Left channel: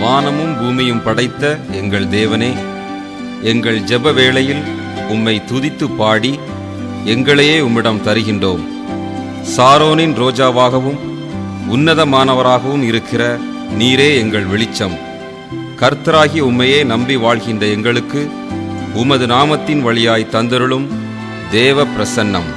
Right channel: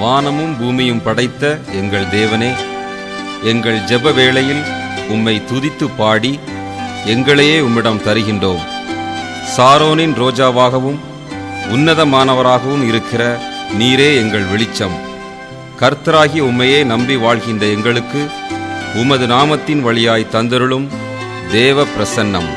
வானமும் பூமியும் படைத்த எங்கள் தேவனே, எங்கள் ஜெப வேளையில் உம்மை துதித்து பாடி எங்களையே உம்மிடம் தருகின்றோம். சாரோனின் ரோஜாவாகவும் உன்னதமானவராகவும் இருக்கிற நீரே எங்கள் வெளிச்சம். கர்த்தராகி உம்மையே நம்பி வாழ்கின்ற எங்களுக்கு உமது நாமத்தின் வழியாய் தந்தருளும் தேவ பிரசன்னம்.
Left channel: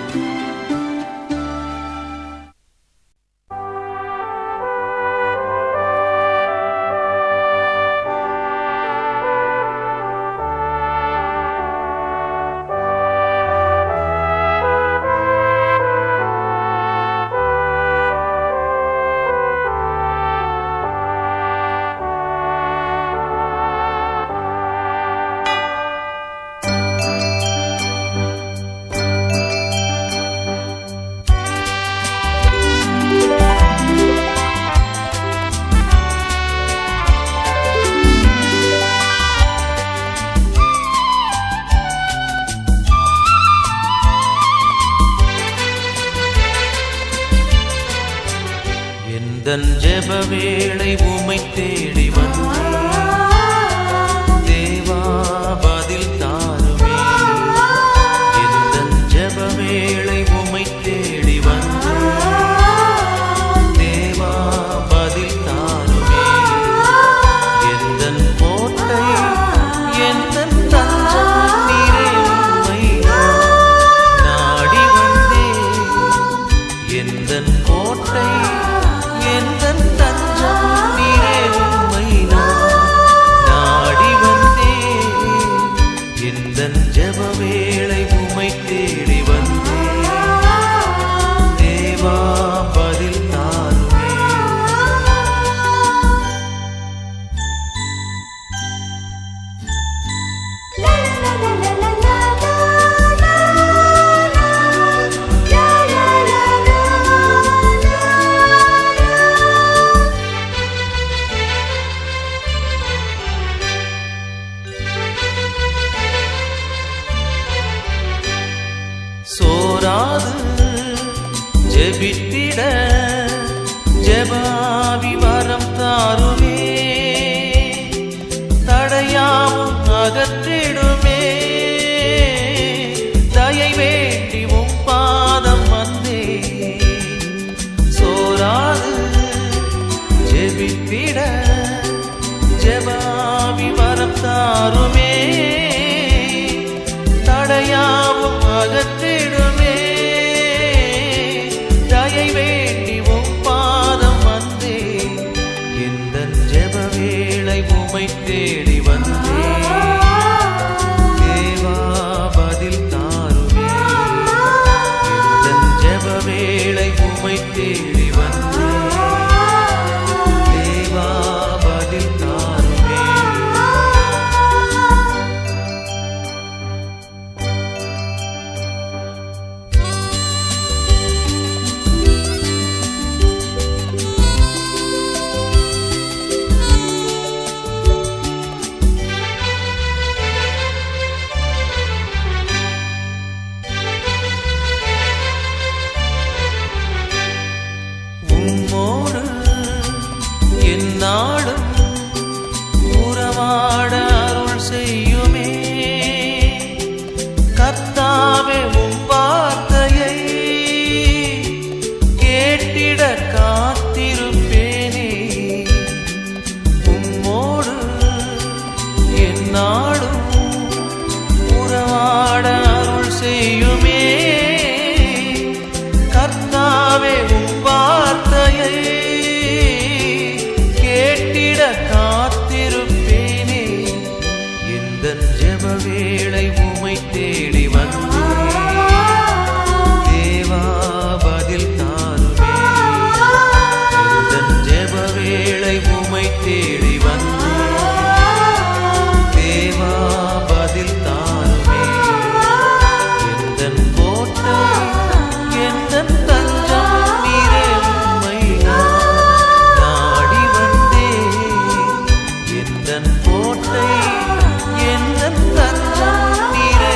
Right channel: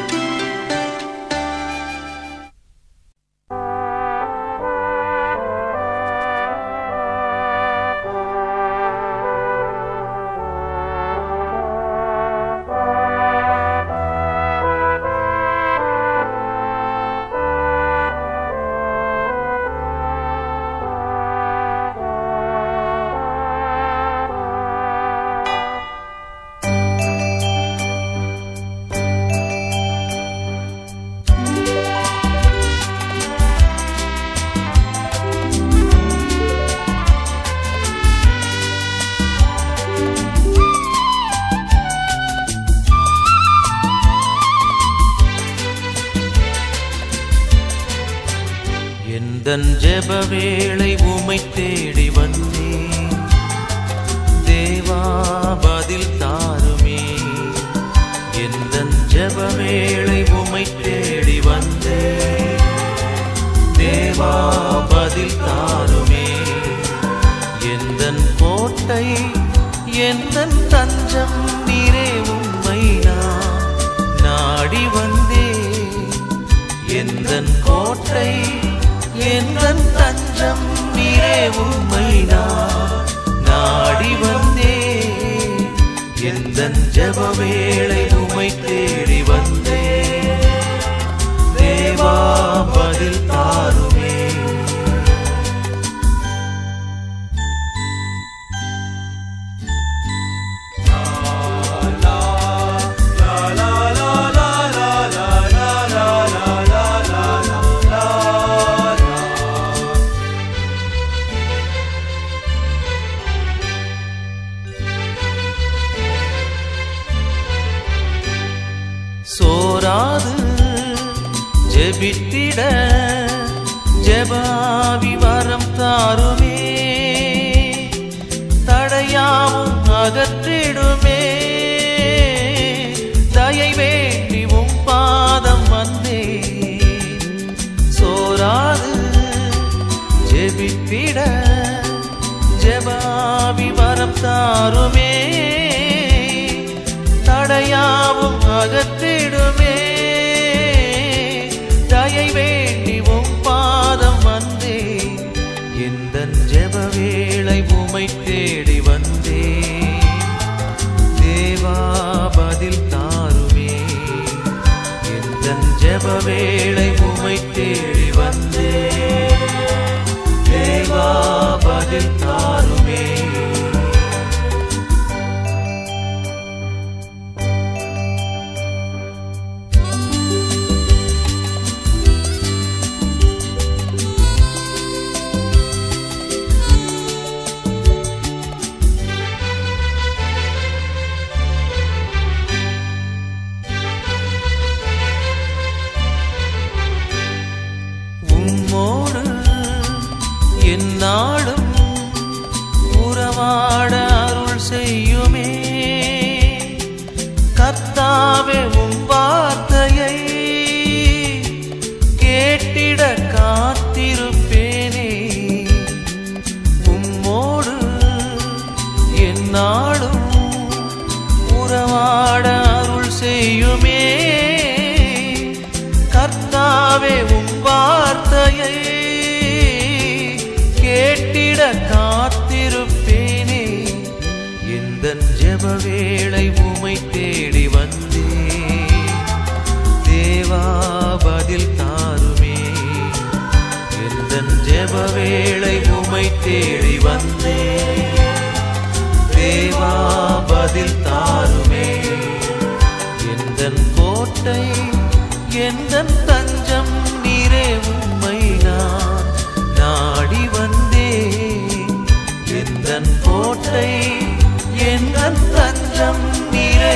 எந்தன் ஜெப வேளை உம்மை தேடி வந்தேன், தேவா பதில் தாருமே. எந்தன் ஜெப வேளை உம்மை தேடி வந்தேன், தேவா பதில் தாருமே. எந்தன் கோட்டை எந்தன் தஞ்சம் நீரே, உம்மை நான் நாடி வந்தேன். எந்தன் கோட்டை எந்தன் தஞ்சம் நீரே, உம்மை நான் நாடி வந்தேன். எந்தன் ஜெப வேளை உம்மை தேடி வந்தேன், தேவா பதில் தாருமே. சோராது ஜெபித்திட ஜெபாவி வரம் தாருமே, தடையாவும் அகற்றிடுமே. தயை வேண்டி உம் பாதம் வந்தே, சோராது ஜெபித்திட ஜெபாவி வரம் தாருமே, தடையாவும் அகற்றிடுமே. தயை வேண்டி உம் பாதம் வந்தே, எந்தன் ஜெப வேளை உம்மை தேடி வந்தே, தேவா பதில் தாருமே. எந்தன் ஜெப வேளை உம்மை தேடி வந்தே, தேவா பதில் தாருமே. உம்மோடு எந்நாளும் உறவாட அருள் செய்யுமே. கர்த்தாவே உம் வார்த்தையை கேட்டிட காத்திருப்பேனே. உம்மோடு எந்நாளும் உறவாட அருள் செய்யுமே. கர்த்தாவே உம் வார்த்தையை கேட்டிட காத்திருப்பேனே. எந்தன் ஜெப வேளை உம்மை தேடி வந்தேன், தேவா பதில் தாருமே. எந்தன் ஜெப வேளை உம்மை தேடி வந்தேன், தேவா பதில் தாருமே. எந்தன் கோட்டை எந்தன் தஞ்சம் நீரே, உம்மை நான் நாடி வந்தேன். எந்தன் கோட்டை எந்தன் தஞ்சம் நீரே,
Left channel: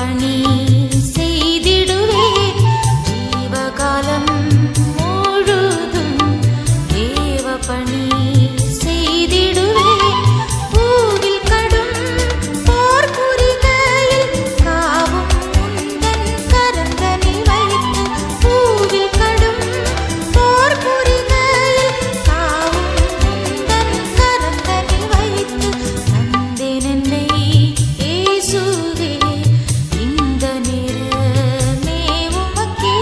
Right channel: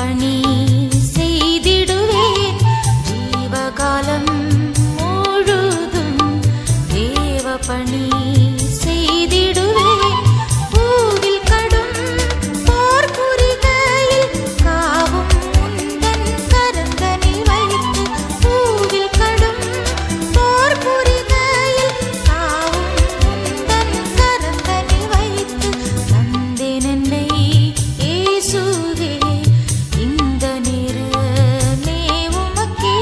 பணி செய்திடுவேன் ஜீவகாலம் முழுதும் தேவ பணி செய்திடுவேன் பூவில் கடும் போர் புரிகையில் காவும் உந்தன் கரந்தனில் வைத்து பூவில் கடும் போர் புரிகையில் காவும் உந்தன் கரந்தனில் வைத்து தந்தேன் என்னை இயேசுவே இந்த நேரமே உமக்கே.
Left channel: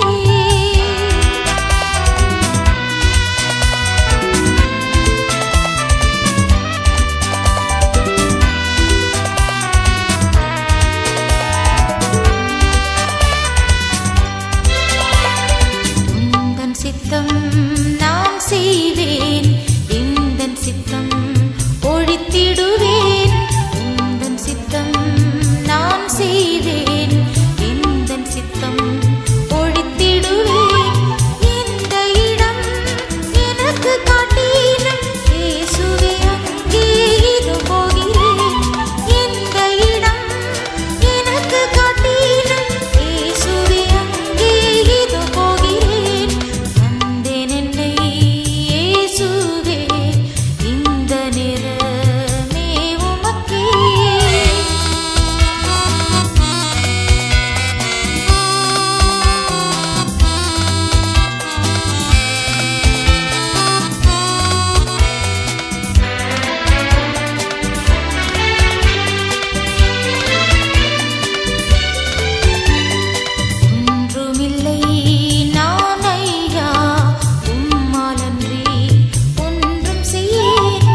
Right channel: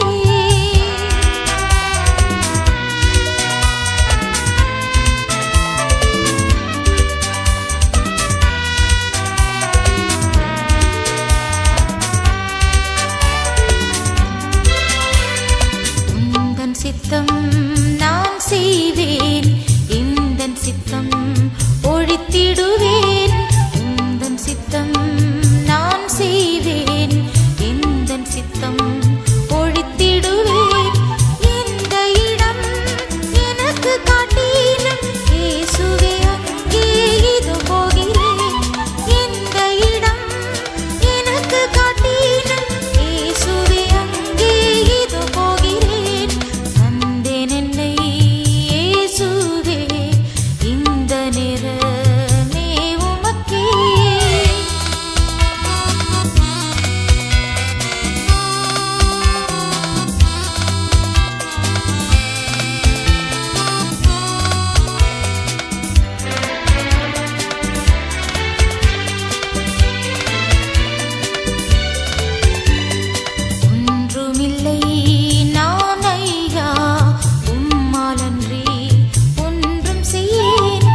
உந்தன் சித்தம் நான் செய்வேன் எந்தன் சித்தம் ஒழித்திடுவேன் உந்தன் சித்தம் நான் செய்வேன் எந்தன் சித்தம் ஒழித்திடுவேன் எந்த இடம் எனக்கு காட்டினும் இயேசுவே அங்கே இது போகிறேன் எந்த இடம் எனக்கு காட்டினும் இயேசுவே அங்கே இது போகிறேன் தந்தேன் என்னை இயேசுவே இந்த நேரமே உமக்கே. ஒன்றுமில்லை நான் ஐயா உம்மாலன்றி ஒன்றும் செய்யேன்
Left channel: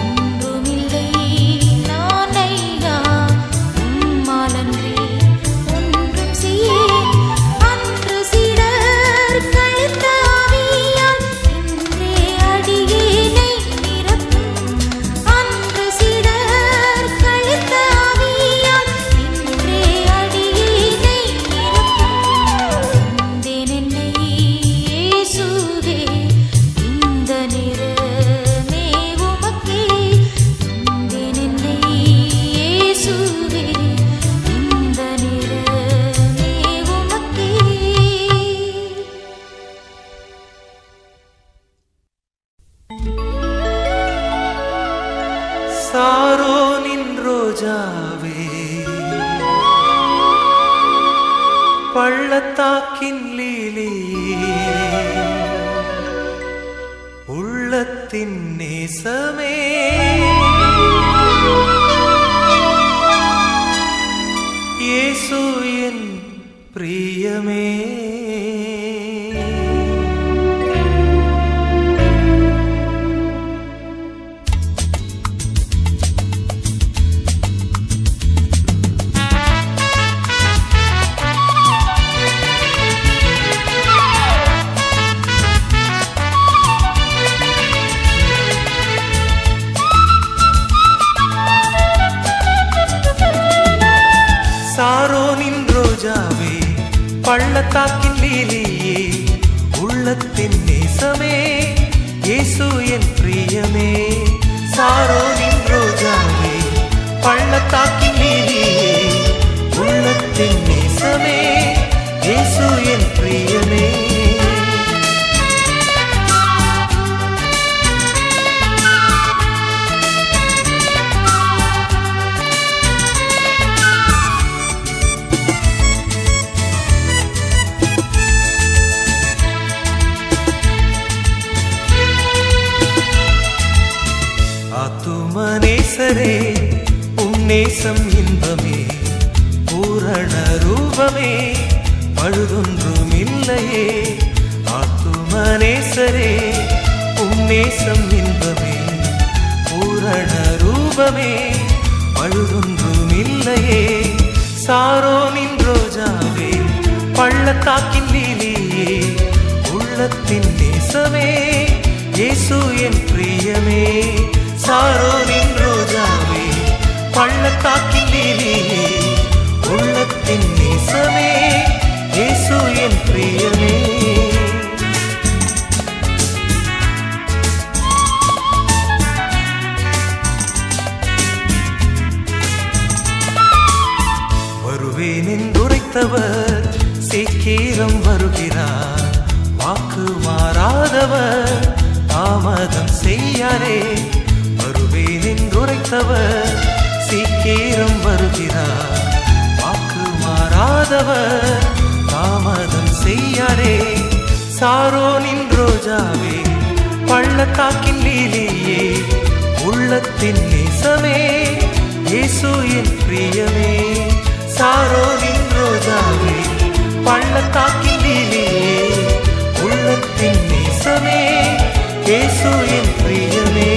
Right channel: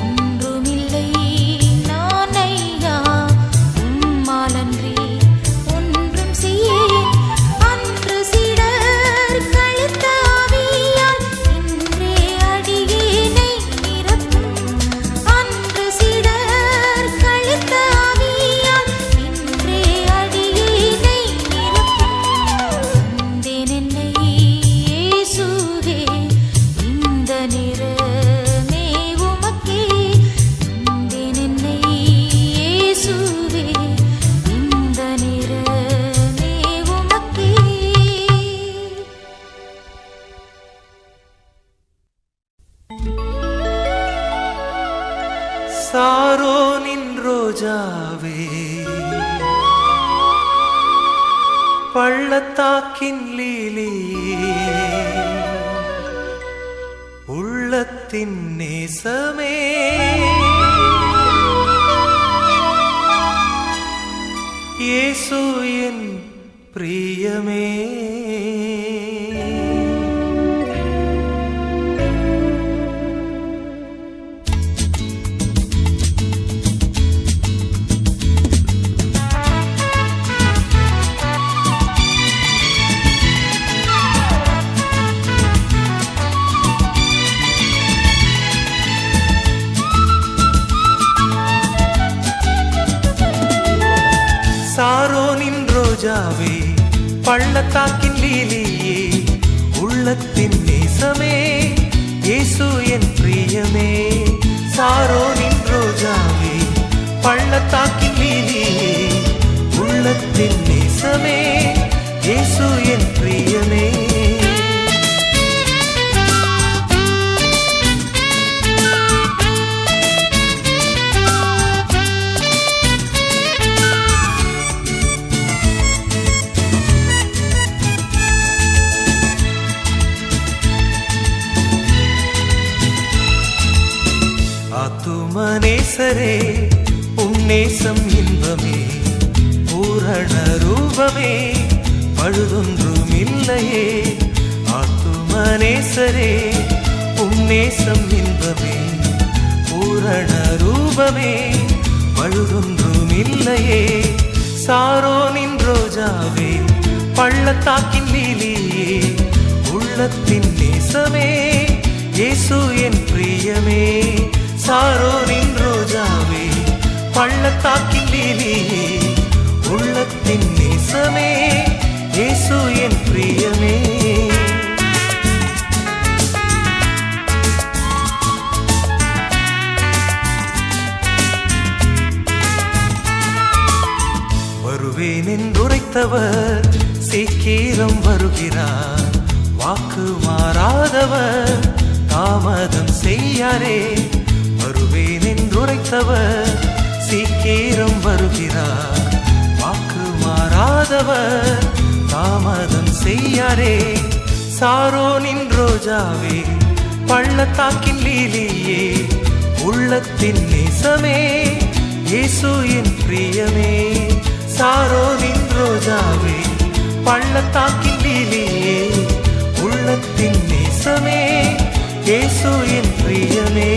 ஒன்றுமில்லை நான் ஐயா உம்மாலன்றி ஒன்றும் செய்யேன் அன்று சிடர் கழித்த ஆவியால் இன்றே அடியேனை நிரப்பும் அன்று சிடர் கழித்த ஆவியால் இன்றே அடியேனை நிரப்பும் தந்தேன் என்னை இயேசுவே இந்த நேரமே உமக்கே தந்தேன் என்னை இயேசுவே இந்த நேரமே உமக்கே. சாரோனின் ரோஜாவே பள்ளத்தாக்கின் லீலியே உள்ளத்தின் நேசமே இயேசு என் பிரியமே சாரோனின் ரோஜாவே பள்ளத்தாக்கின் லீலியே உள்ளத்தின் நேசமே இயேசு என் பிரியமே சாரோனின் ரோஜாவே பள்ளத்தாக்கின் லீலியே உள்ளத்தின் நேசமே இயேசு என் பிரியமே ஆத்துமநேசரே உன்னேசம் இன்பமே பூரண ரூபமே பழுதொன்றுமில்லையே ஆத்துமநேசரே உன்னேசம் இன்பமே பூரண ரூபமே பழுதொன்றுமில்லையே சாரோனின் ரோஜாவே பள்ளத்தாக்கின் லீலியே உள்ளத்தின் நேசமே இயேசு என் பிரியமே சாரோனின் ரோஜாவே பள்ளத்தாக்கின் லீலியே உள்ளத்தின் நேசமே இயேசு என் பிரியமே வருவேன் என்றுரைத்தவர் சீக்கிரம் வருகிறார். வாக்கு மாறாதவர் தாமதம் செய்யாரே. வருவேன் என்றுரைத்தவர் சீக்கிரம் வருகிறார். வாக்கு மாறாதவர் தாமதம் செய்யாரே. சாரோனின் ரோஜாவே, பள்ளத்தாக்கின் லீலியே, உள்ளத்தின் நேசமே, இயேசு என் பிரியமே. சாரோனின் ரோஜாவே, பள்ளத்தாக்கின் லீலியே, உள்ளத்தின் நேசமே, இயேசு என் பிரியமே.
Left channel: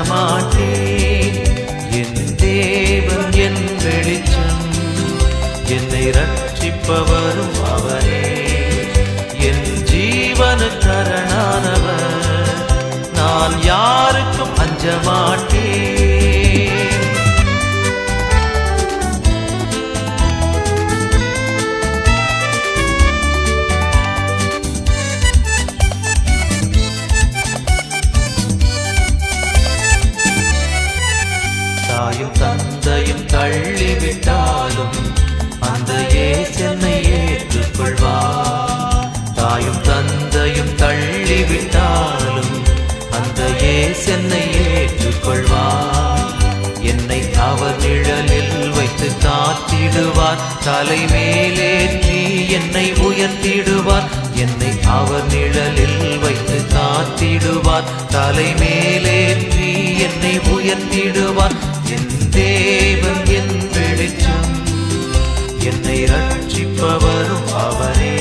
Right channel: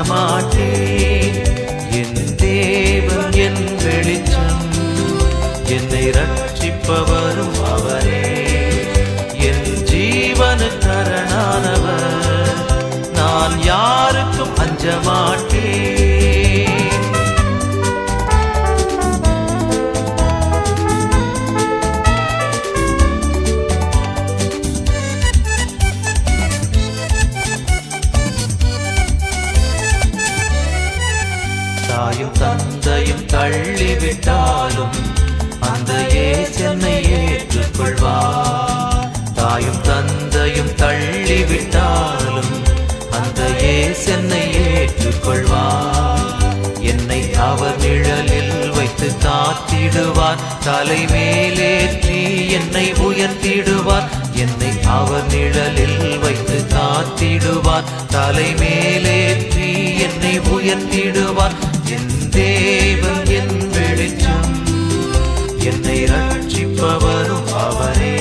அஞ்சமாட்டேன். என் தேவன் என் வெளிச்சம், என்னை ரட்சிப்பவரும் அவரே. என் ஜீவனுக்கு அரணானவர், நான் யாருக்கும் அஞ்சமாட்டேன். தாயும் தந்தையும் தள்ளிவிட்டாலும் அந்த இயேசு என்னை ஏற்றுக்கொள்வார். தாயும் தந்தையும் தள்ளிவிட்டாலும் அந்த இயேசு என்னை ஏற்றுக்கொள்வார். என்னை அவர் நிழலில் வைத்து காத்திடுவார், தலை மேலேற்றி என்னை உயர்த்திடுவார். என்னை அவர் நிழலில் வைத்து காத்திடுவார், தலை மேலேற்றி என்னை உயர்த்திடுவார். என் தேவன் என் வெளிச்சம், என்னை ரட்சிப்பவரும் அவரே.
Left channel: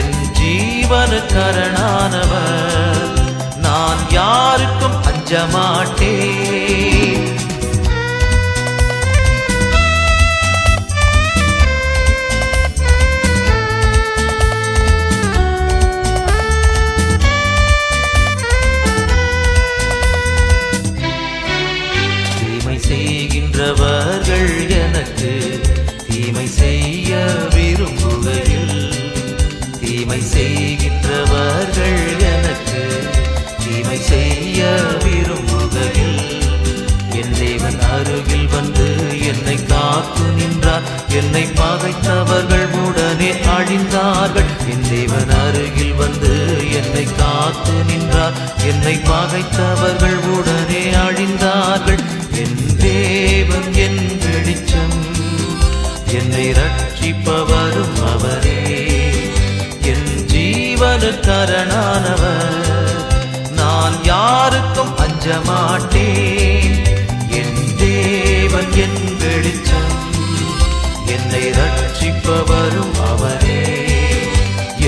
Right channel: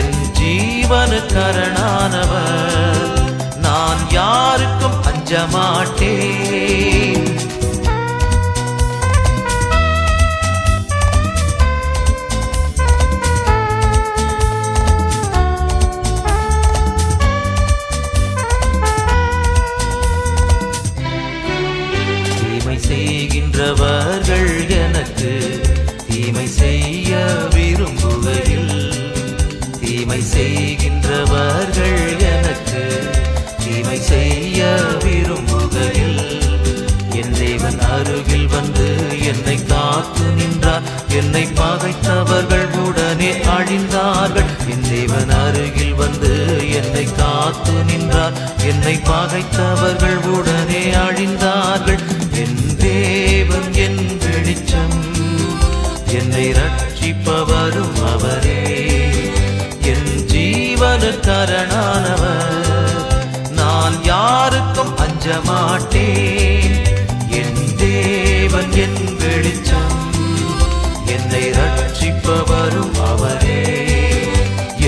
என் ஜீவனுக்கு அரணானவர், நான் யாருக்கும் அஞ்சமாட்டேன். தீமை செய்கின்றவர்கள் எனக்கு தீமை செய்ய விரும்புகையில், தீமை செய்கின்றவர்கள் எனக்கு தீமை செய்ய விரும்புகையில், என் தேவன் அருகில் வந்து என்னை காத்து நின்றார். என்னை பகைத்தவர்கள் உடனே அழிந்தார்கள். என் தேவன் அருகில் வந்து என்னை காத்து நின்றார். என்னை பகைத்தவர்கள் உடனே அழிந்தார்கள். என் தேவன் என் வெளிச்சம், என்னை ரட்சிப்பவரும் அவரே. என் ஜீவனுக்கு அரணானவர், நான் யாருக்கும் அஞ்சமாட்டேன். என் தேவன் என் வெளிச்சம், என்னை ரட்சிப்பவரும் அவரே.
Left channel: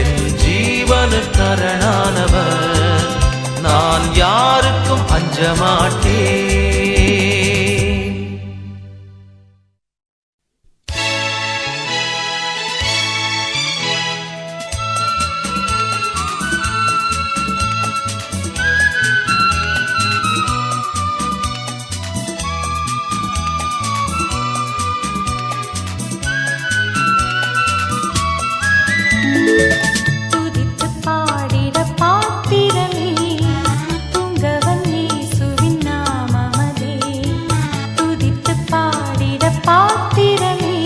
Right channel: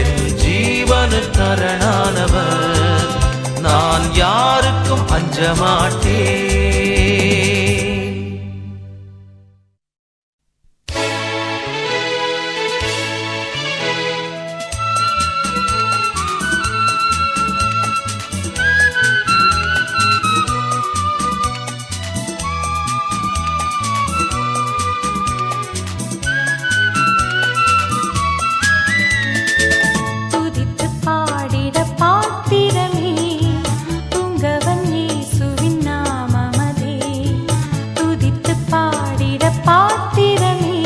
என் ஜீவனுக்கு அரணானவர், நான் யாருக்கும் அஞ்சமாட்டேன். பாத்திரமே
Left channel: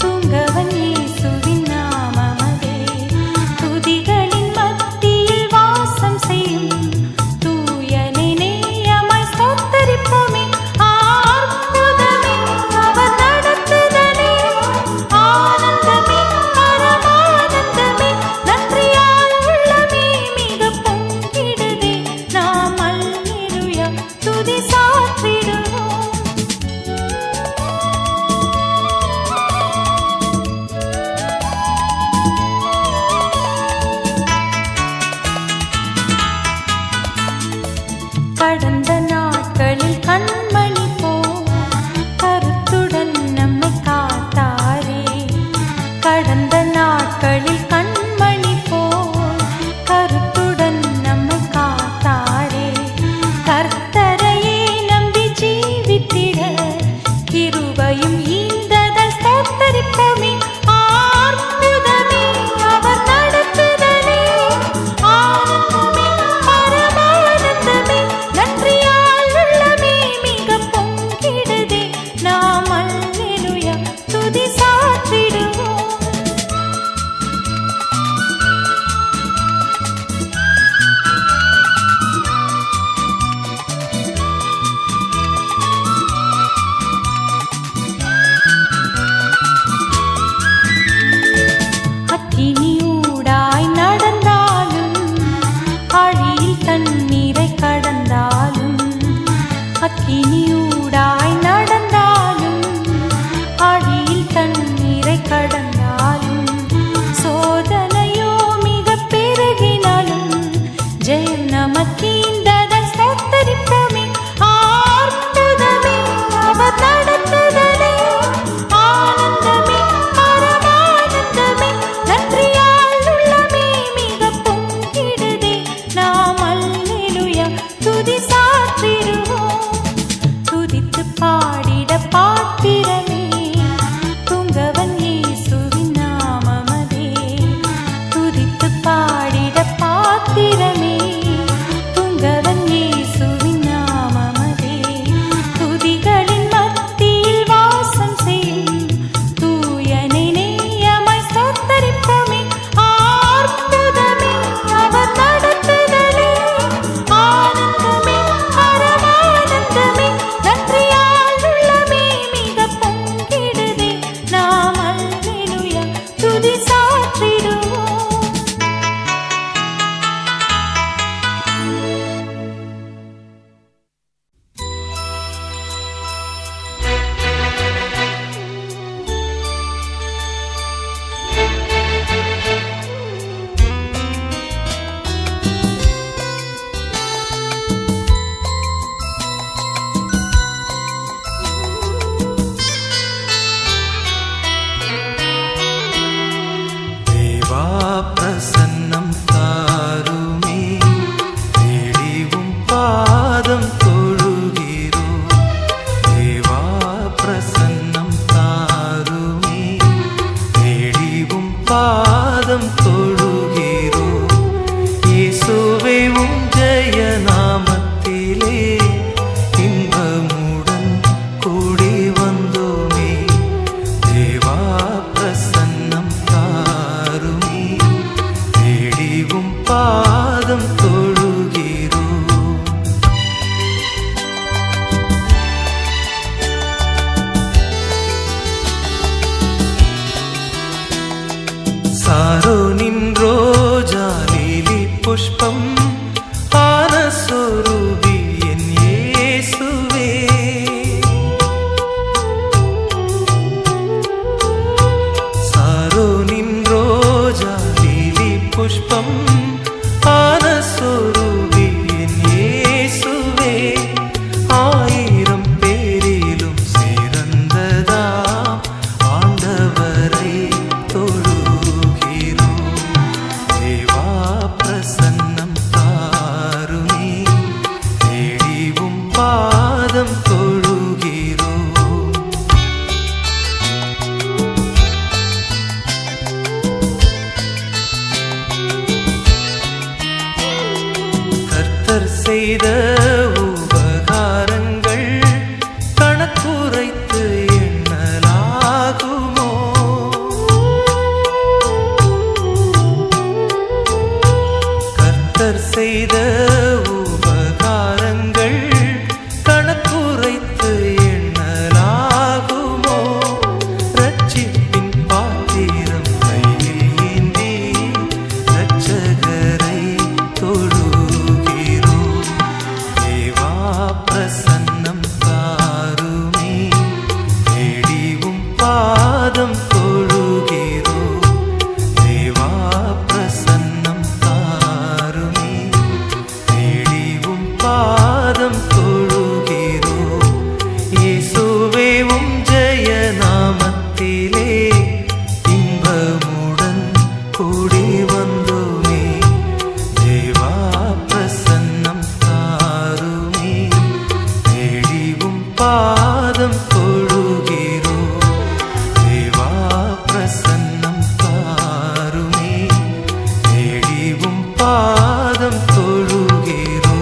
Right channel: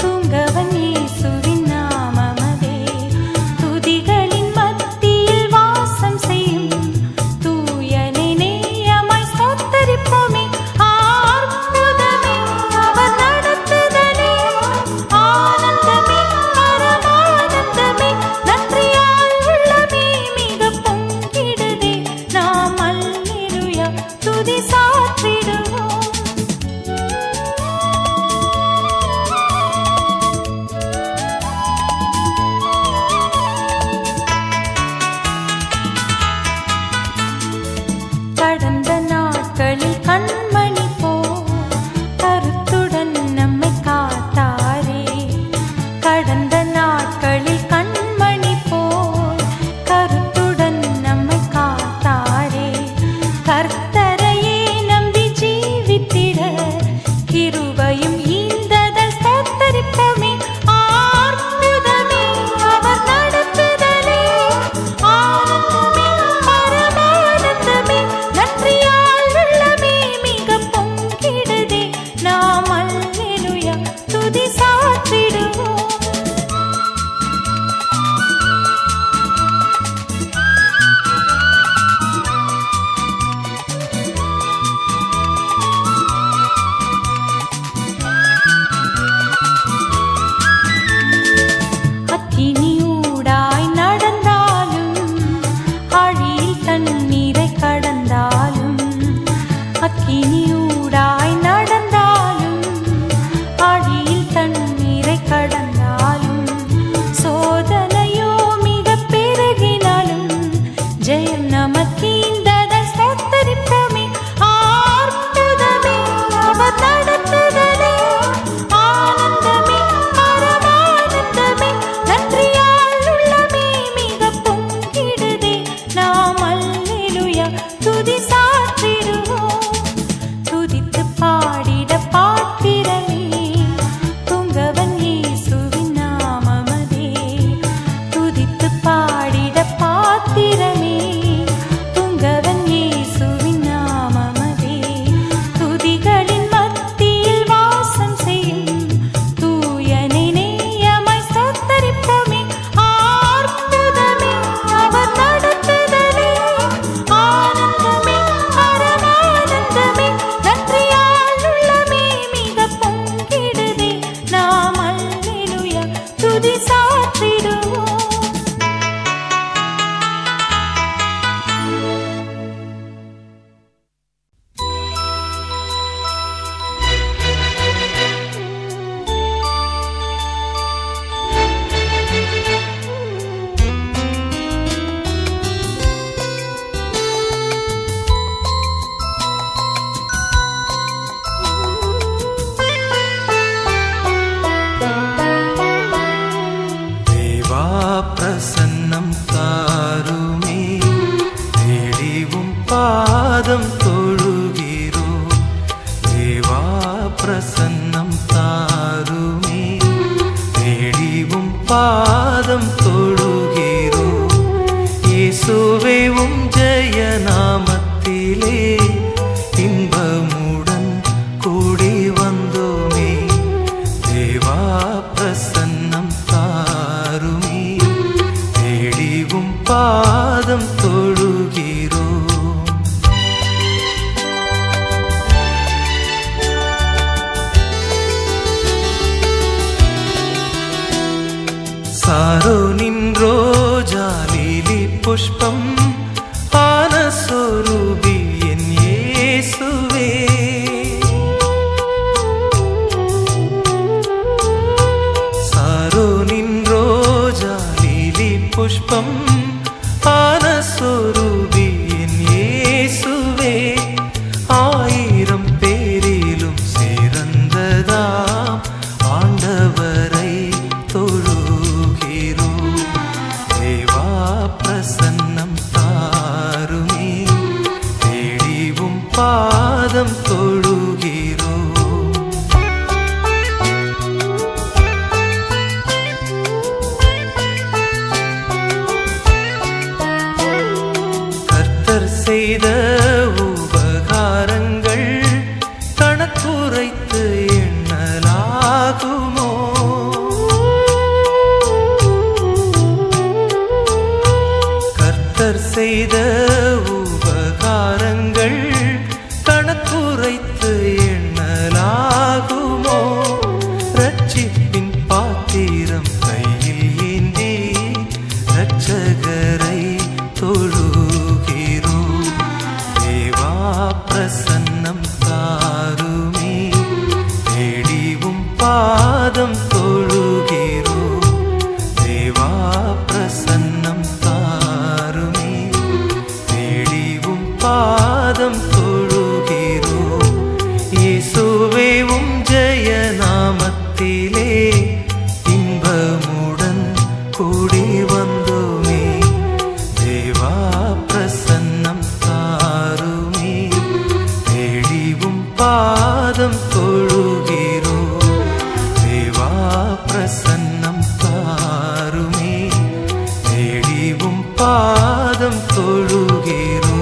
தூங்கவன் இயேசுவின் நாமமதே. துதிகளின் மத்தியில் வாசம் செய்யும் தூயனை நேயமாய் ஸ்தோத்தரிப்போமே. அற்புதமே அவர் நடத்துதலே, ஆனந்தமே பரமானந்தமே. நன்றியால் உள்ளமே மிக பொங்கிடுதே, நாம் அல்லேலூயா துதி சாற்றிடுவோம். கடந்த நாட்களில் கண்மணி போல் கருத்துடன் நம்மை காத்தாரே. கடந்த நாட்களில் கண்மணி போல் கருத்துடன் நம்மை காத்தாரே. கர்த்தரையே நம்பி ஜீவித்திட கிருபையும் ஈந்ததால் ஸ்தோத்தரிப்போமே. அற்புதமே அவர் நடத்துதலே, ஆனந்தமே பரமானந்தமே. நன்றியால் உள்ளமே மிக பொங்கிடுதே, நாம் அல்லேலூயா துதி சாற்றிடுவோம். அக்கினியூடாய் நடந்தாலும் ஆழியில் தண்ணீரை கடந்தாலும், அக்கினியூடாய் நடந்தாலும் ஆழியில் தண்ணீரை கடந்தாலும், சோதனையோ மிக பெருகினாலும் ஜெயம் நமக்கீந்ததால் ஸ்தோத்தரிப்போமே. அற்புதமே அவர் நடத்துதலே, ஆனந்தமே பரமானந்தமே, நன்றியால் உள்ளமே மிக பொங்கிடுதே. நாம் அல்லேலூயா துதி சாற்றிடுவோம். துதித்து பாடிட பாத்திரமே, துங்கவன் இயேசுவின் நாமமதே. துதித்து பாடிட பாத்திரமே, துங்கவன் இயேசுவின் நாமமதே. துதிகளின் மத்தியில் வாசம் செய்யும் தூயனை நேயமாய் ஸ்தோத்தரிப்போமே. அற்புதமே அவர் நடத்துதலே, ஆனந்தமே பரமானந்தமே, நன்றியால் உள்ளமே மிக பொங்கிடுதே. நாம் அல்லேலூயா துதி சாற்றிடுவோம். தேவா பிரசன்னம் தாருமே, தேடிவும் பாதம் தொழுகிறோ. தேவா பிரசன்னம் தாருமே, தேடிவும் பாதம் தொழுகிறோ. இயேசுவே ஜெய நாமத்திலே இன்பமுடன் கூடி வந்தோமே. தேவா பிரசன்னம் தாருமே, தேடிவும் பாதம் தொழுகிறோ. சாரோனின் ரோஜா லீலி புஷ்பம் ஆன சொரூபி என் இயேசுவே. சாரோனின் ரோஜா லீலி புஷ்பம் ஆன சொரூபி என் இயேசுவே. 1000 பேரிலும் சிறந்ததாம் ஆண்டவரை தொழுகிறோ. தேவா பிரசன்னம் தாருமே, தேடிவும் பாதம் தொழுகிறோ. கர்த்தர் செய்த உபகாரங்கள் கணக்குரைத்து எண்ணலாகுமோ. கர்த்தர் செய்த உபகாரங்கள் கணக்குரைத்து எண்ணலாகுமோ. ரட்சிப்பின் பாத்திரம் கையில் ஏந்தி இரட்சகரை தொழுகிறோ. தேவா பிரசன்னம் தாருமே, தேடிவும் பாதம் தொழுகிறோ. தேவா பிரசன்னம் தாருமே, தேடிவும் பாதம் தொழுகிறோ. இயேசுவே ஜெய நாமத்திலே இன்பமுடன் கூடி வந்தோமே. தேவா பிரசன்னம் தாருமே, தேடிவும் பாதம் தொழுகிறோ. தேவா பிரசன்னம் தாருமே, தேடிவும் பாதம் தொழுகிறோ.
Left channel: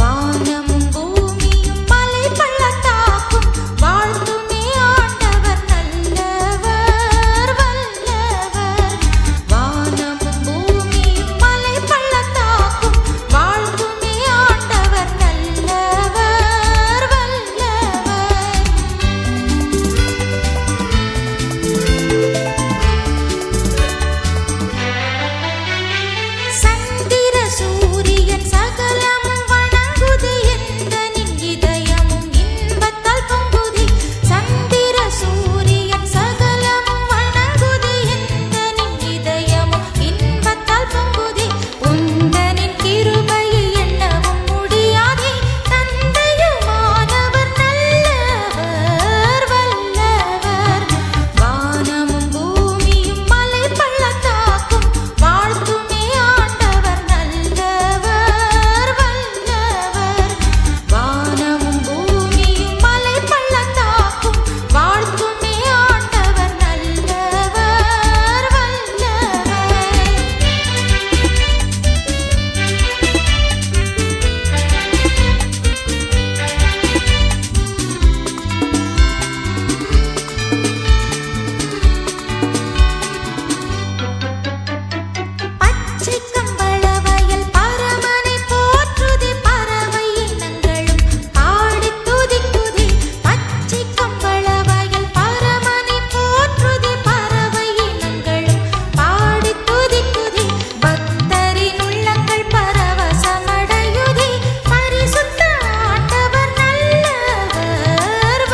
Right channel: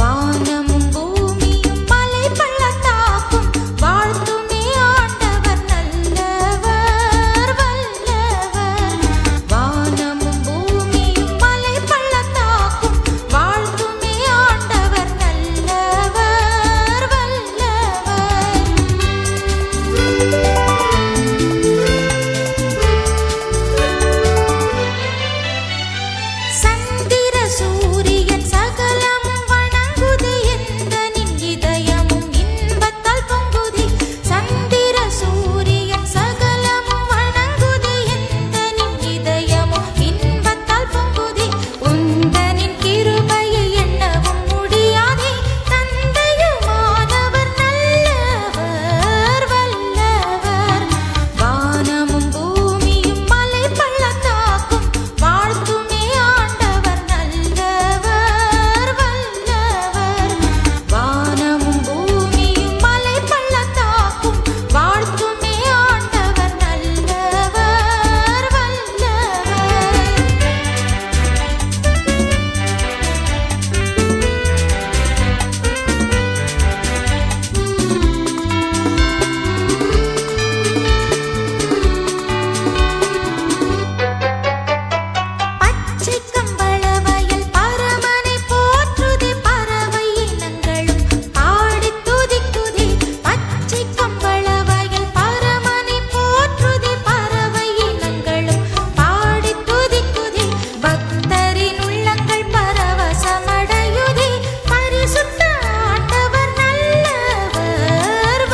வானமும் பூமியும் மலை பள்ளத்தாக்கும் வாழ்த்துமே ஆண்டவர் நல்லவர் வல்லவர். வானமும் பச்சை கம்பள வயல் பரமனை போற்றுதே பறவை இனங்களும் பாடி துதிக்குதே பச்சை கம்பள வயல் பரமனை போற்றுதே பறவை இனங்களும் பாடி துதிக்குதே பக்தரின் உள்ளங்கள் பரவசமடையுதே பரிசுத்த ஆண்டவர் நல்லவர்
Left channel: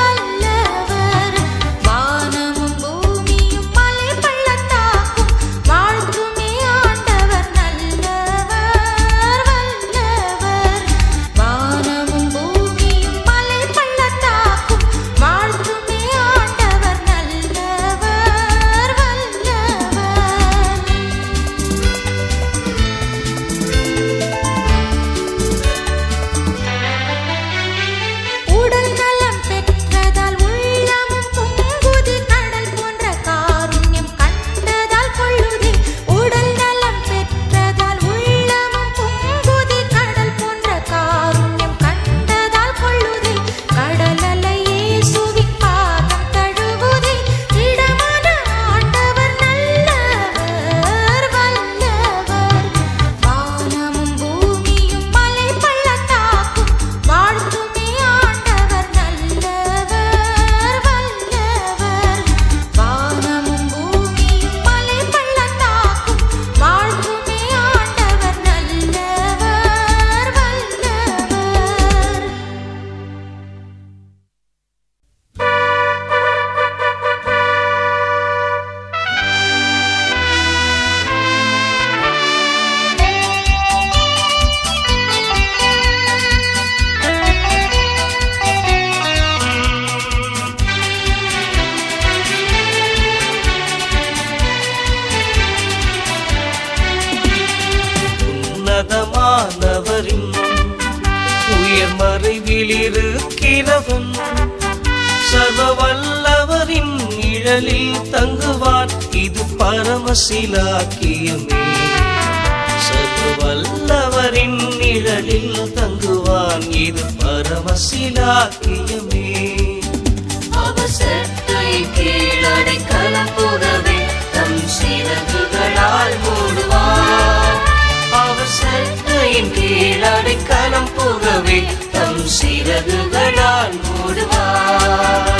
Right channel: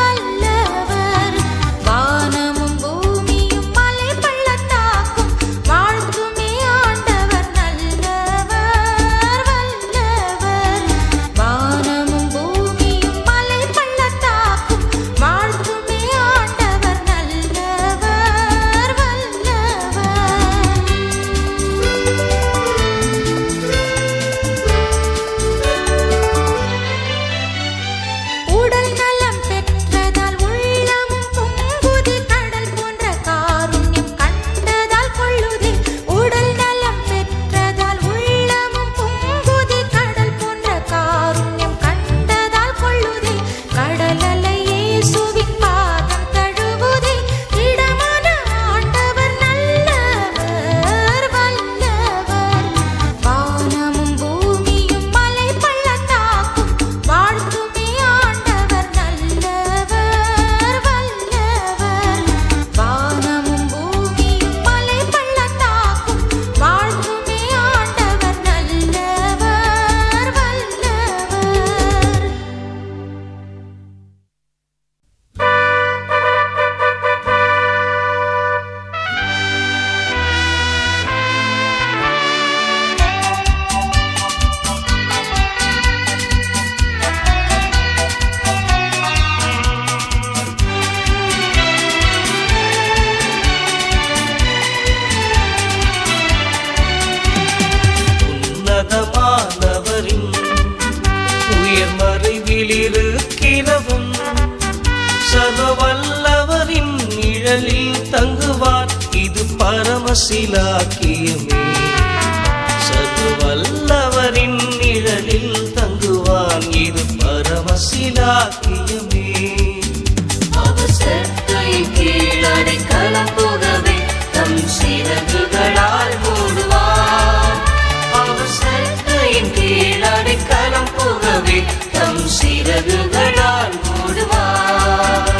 வல்லவர் வானமும் பூமியும் மலை பள்ளத்தாக்கும் வாழ்த்துமே ஆண்டவர் நல்லவர் வல்லவர் வானமும் பூமியும் மலை பள்ளத்தாக்கும் வாழ்த்துமே ஆண்டவர் நல்லவர் வல்லவர் உடல் நலம் பெற்றதால் உள்ளமும் பொங்குதே கடல் போன்ற காருண்யம் கண்டதால் கொள்ளுதே உடல் நலம் பெற்றதால் உள்ளமும் பொங்குதே கடல் போன்ற காருண்யம் கண்டதால் கொள்ளுதே கடல் அலை இயேசுவின் பாதம் தழுவுதே இடமான ஆண்டவர் நல்லவர் வல்லவர் வானமும் பூமியும் மலை பள்ளத்தாக்கும் வாழ்த்துமே ஆண்டவர் நல்லவர் வல்லவர் வானமும் பூமியும் மலை பள்ளத்தாக்கும் வாழ்த்துமே ஆண்டவர் நல்லவர் வல்லவர் உன்னதமானவரின் உயர் மறைவிலிருக்கிறவன் சர்வ வல்லவரின் நிழலில் தங்குவான் இது பரமசிலாக்கியமே சர்வ வல்லவரின் நிழலில் தங்குவான் இது பரமசிலாக்கியமே அவர் செட்டையின் கீழ் அடைக்கலம் புகவே தம் சிறகுகளால் மூடுவார் அவர் செட்டையின் கீழ் அடைக்கலம் புகவே தம் சிறகுகளால் மூடுவார்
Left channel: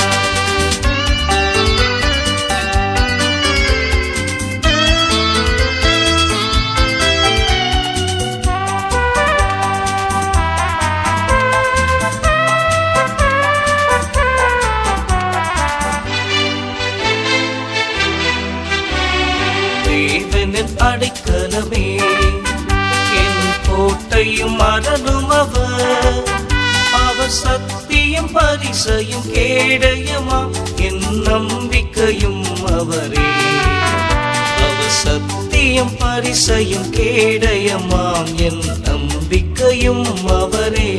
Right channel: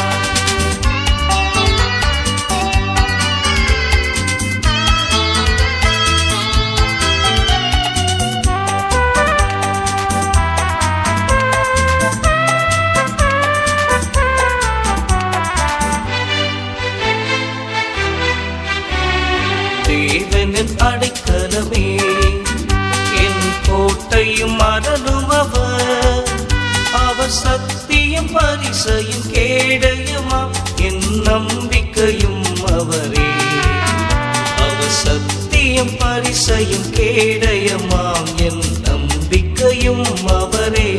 தேவனின் அடைக்கலமே என் கோட்டையும் அரணரும் அவர் அவர் சத்தியம் பரிசையும் கேடயமாம் என் நம்பிக்கையும் அவரே அவர் சத்தியம் பரிசையும் கேடயமாம் என் நம்பிக்கையும் அவரே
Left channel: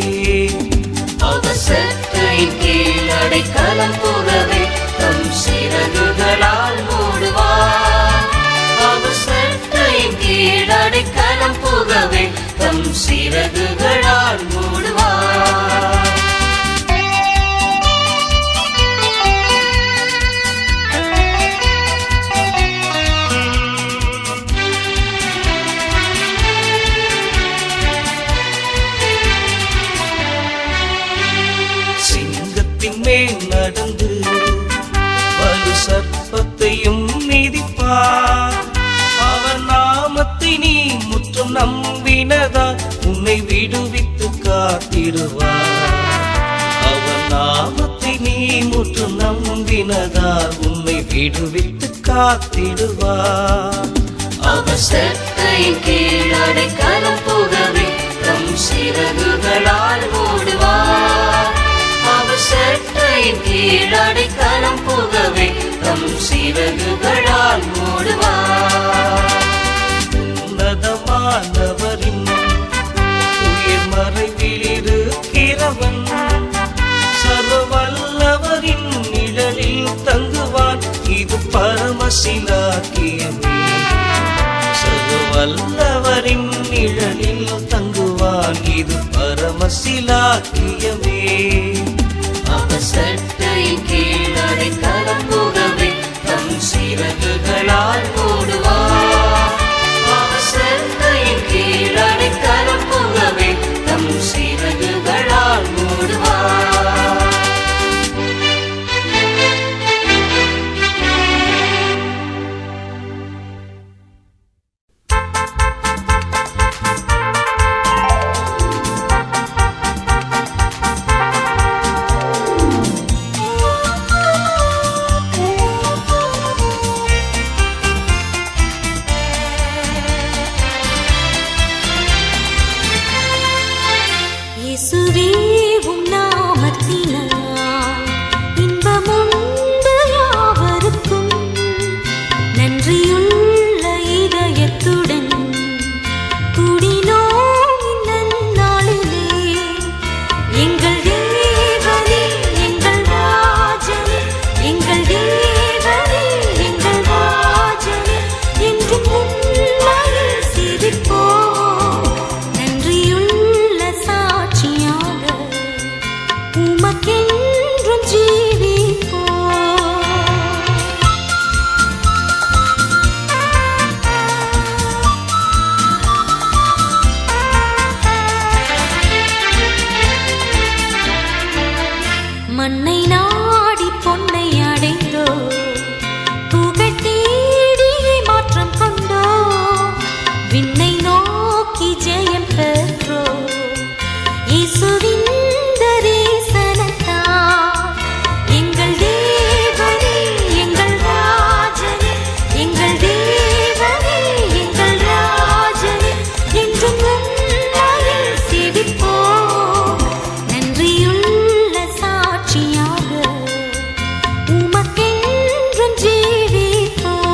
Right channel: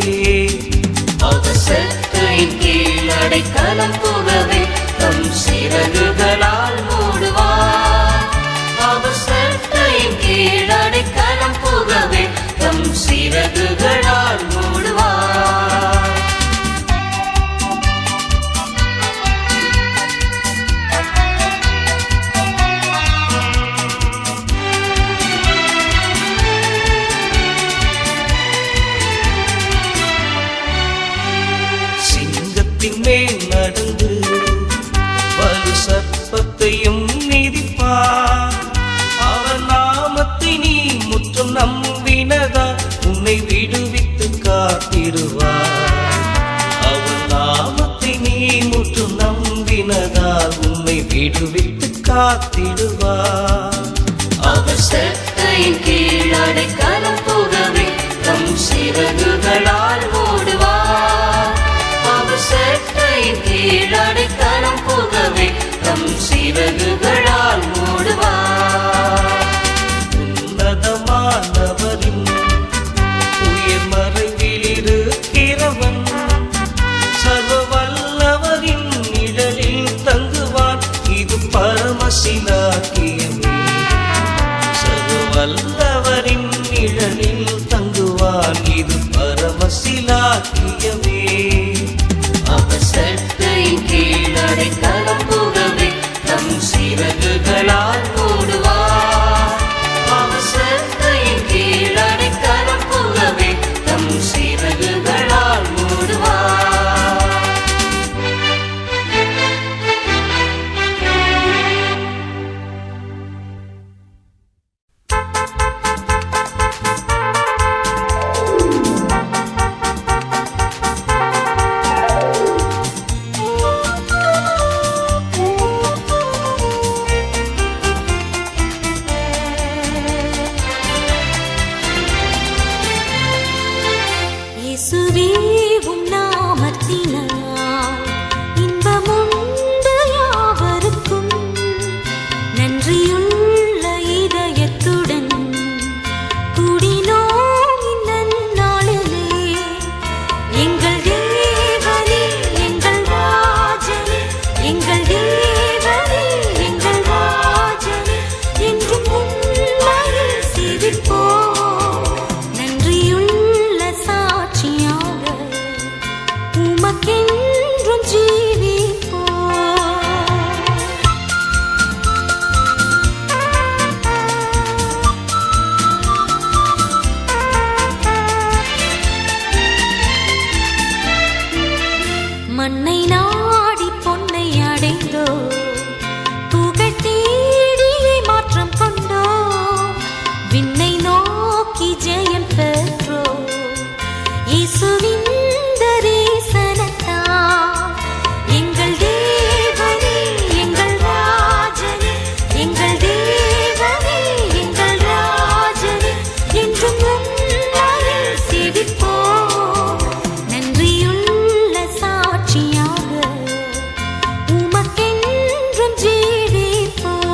அவர் செட்டையின் கீழ் அடைக்கலம் புகவே தம் சிறகுகளால் மூடுவார் அவர் செட்டையின் கீழ் அடைக்கலம் புகவே தம் சிறகுகளால் மூடுவார் சிங்கத்தின் மேல் நடந்து வலு சர்ப்பத்தையும் மிதிப்பார் அவர் நாமத்தை நீ முற்றும் நம்பினதா உன்னை விடுவித்து காத்திடுவார் அவர் நாமத்தை நீ முற்றும் நம்பினதா உன்னை விடுவித்து காத்திடுவார் அவர் செட்டையின் கீழ் அடைக்கலம் புகவே தம் சிறகுகளால் மூடுவார் அவர் செட்டையின் கீழ் அடைக்கலம் புகவே தம் சிறகுகளால் மூடுவார் உன்னதமானவரின் உயர் மறைவிலிருக்கிறவன் சர்வ வல்லவரின் நிழலில் தங்குவான் இது பரமசிலாக்கியமே சர்வ வல்லவரின் நிழலில் தங்குவான் இது பரமசிலாக்கியமே அவர் செட்டையின் கீழ் அடைக்கலம் புகவே தம் சிறகுகளால் மூடுவார் அவர் செட்டையின் விண்ணை நோக்கி ஜெயம் பெற்றோ இயேசுவின் தரிசனத்தால் எங்கள் தேவனே எங்கள் ராஜனே எங்கள் தேவனே எங்கள் ராஜனே என்றும் உம்மையே சேவிப்போம். நன்றியுள்ள சாட்சியாக உமக்கென்றும் ஜீவிப்போம்.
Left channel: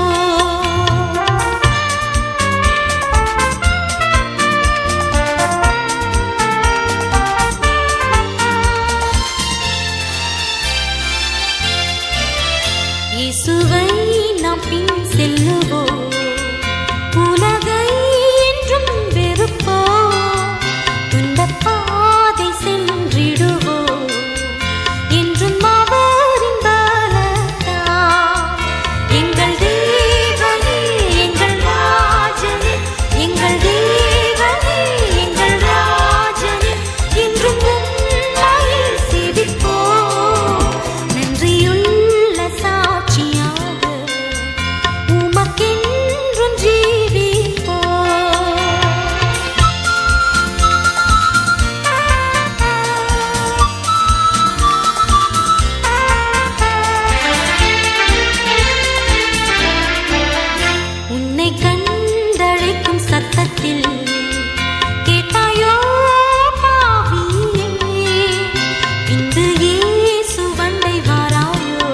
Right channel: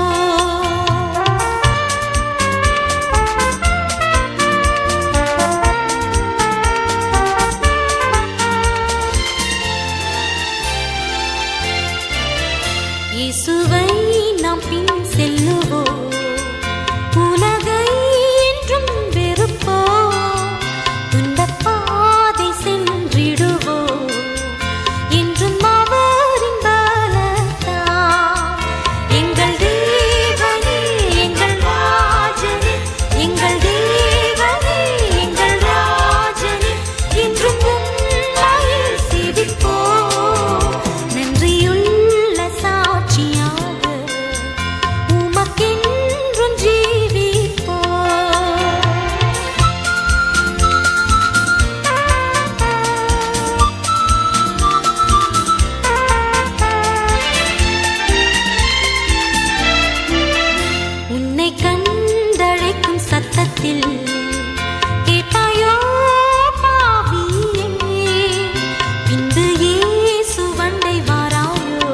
இயேசுவை நாம் பின் செல்லுவோம், உலகை என்றும் வெறுப்போம். துன்பப் பாதை சென்றிடுவோம், என்றும் அவரின் பலத்தால். எங்கள் தேவனே எங்கள் ராஜனே எங்கள் தேவனே எங்கள் ராஜனே என்றும் உம்மையே சேவிப்போம். நன்றியுள்ள சாட்சியாக உமக்கென்றும் ஜீவிப்போம். உன்னை கண்டழைக்கும் சத்தத்தில் கேட்டாயோ பாவியே, பின்பு இயேசு வண்டை வாராயோ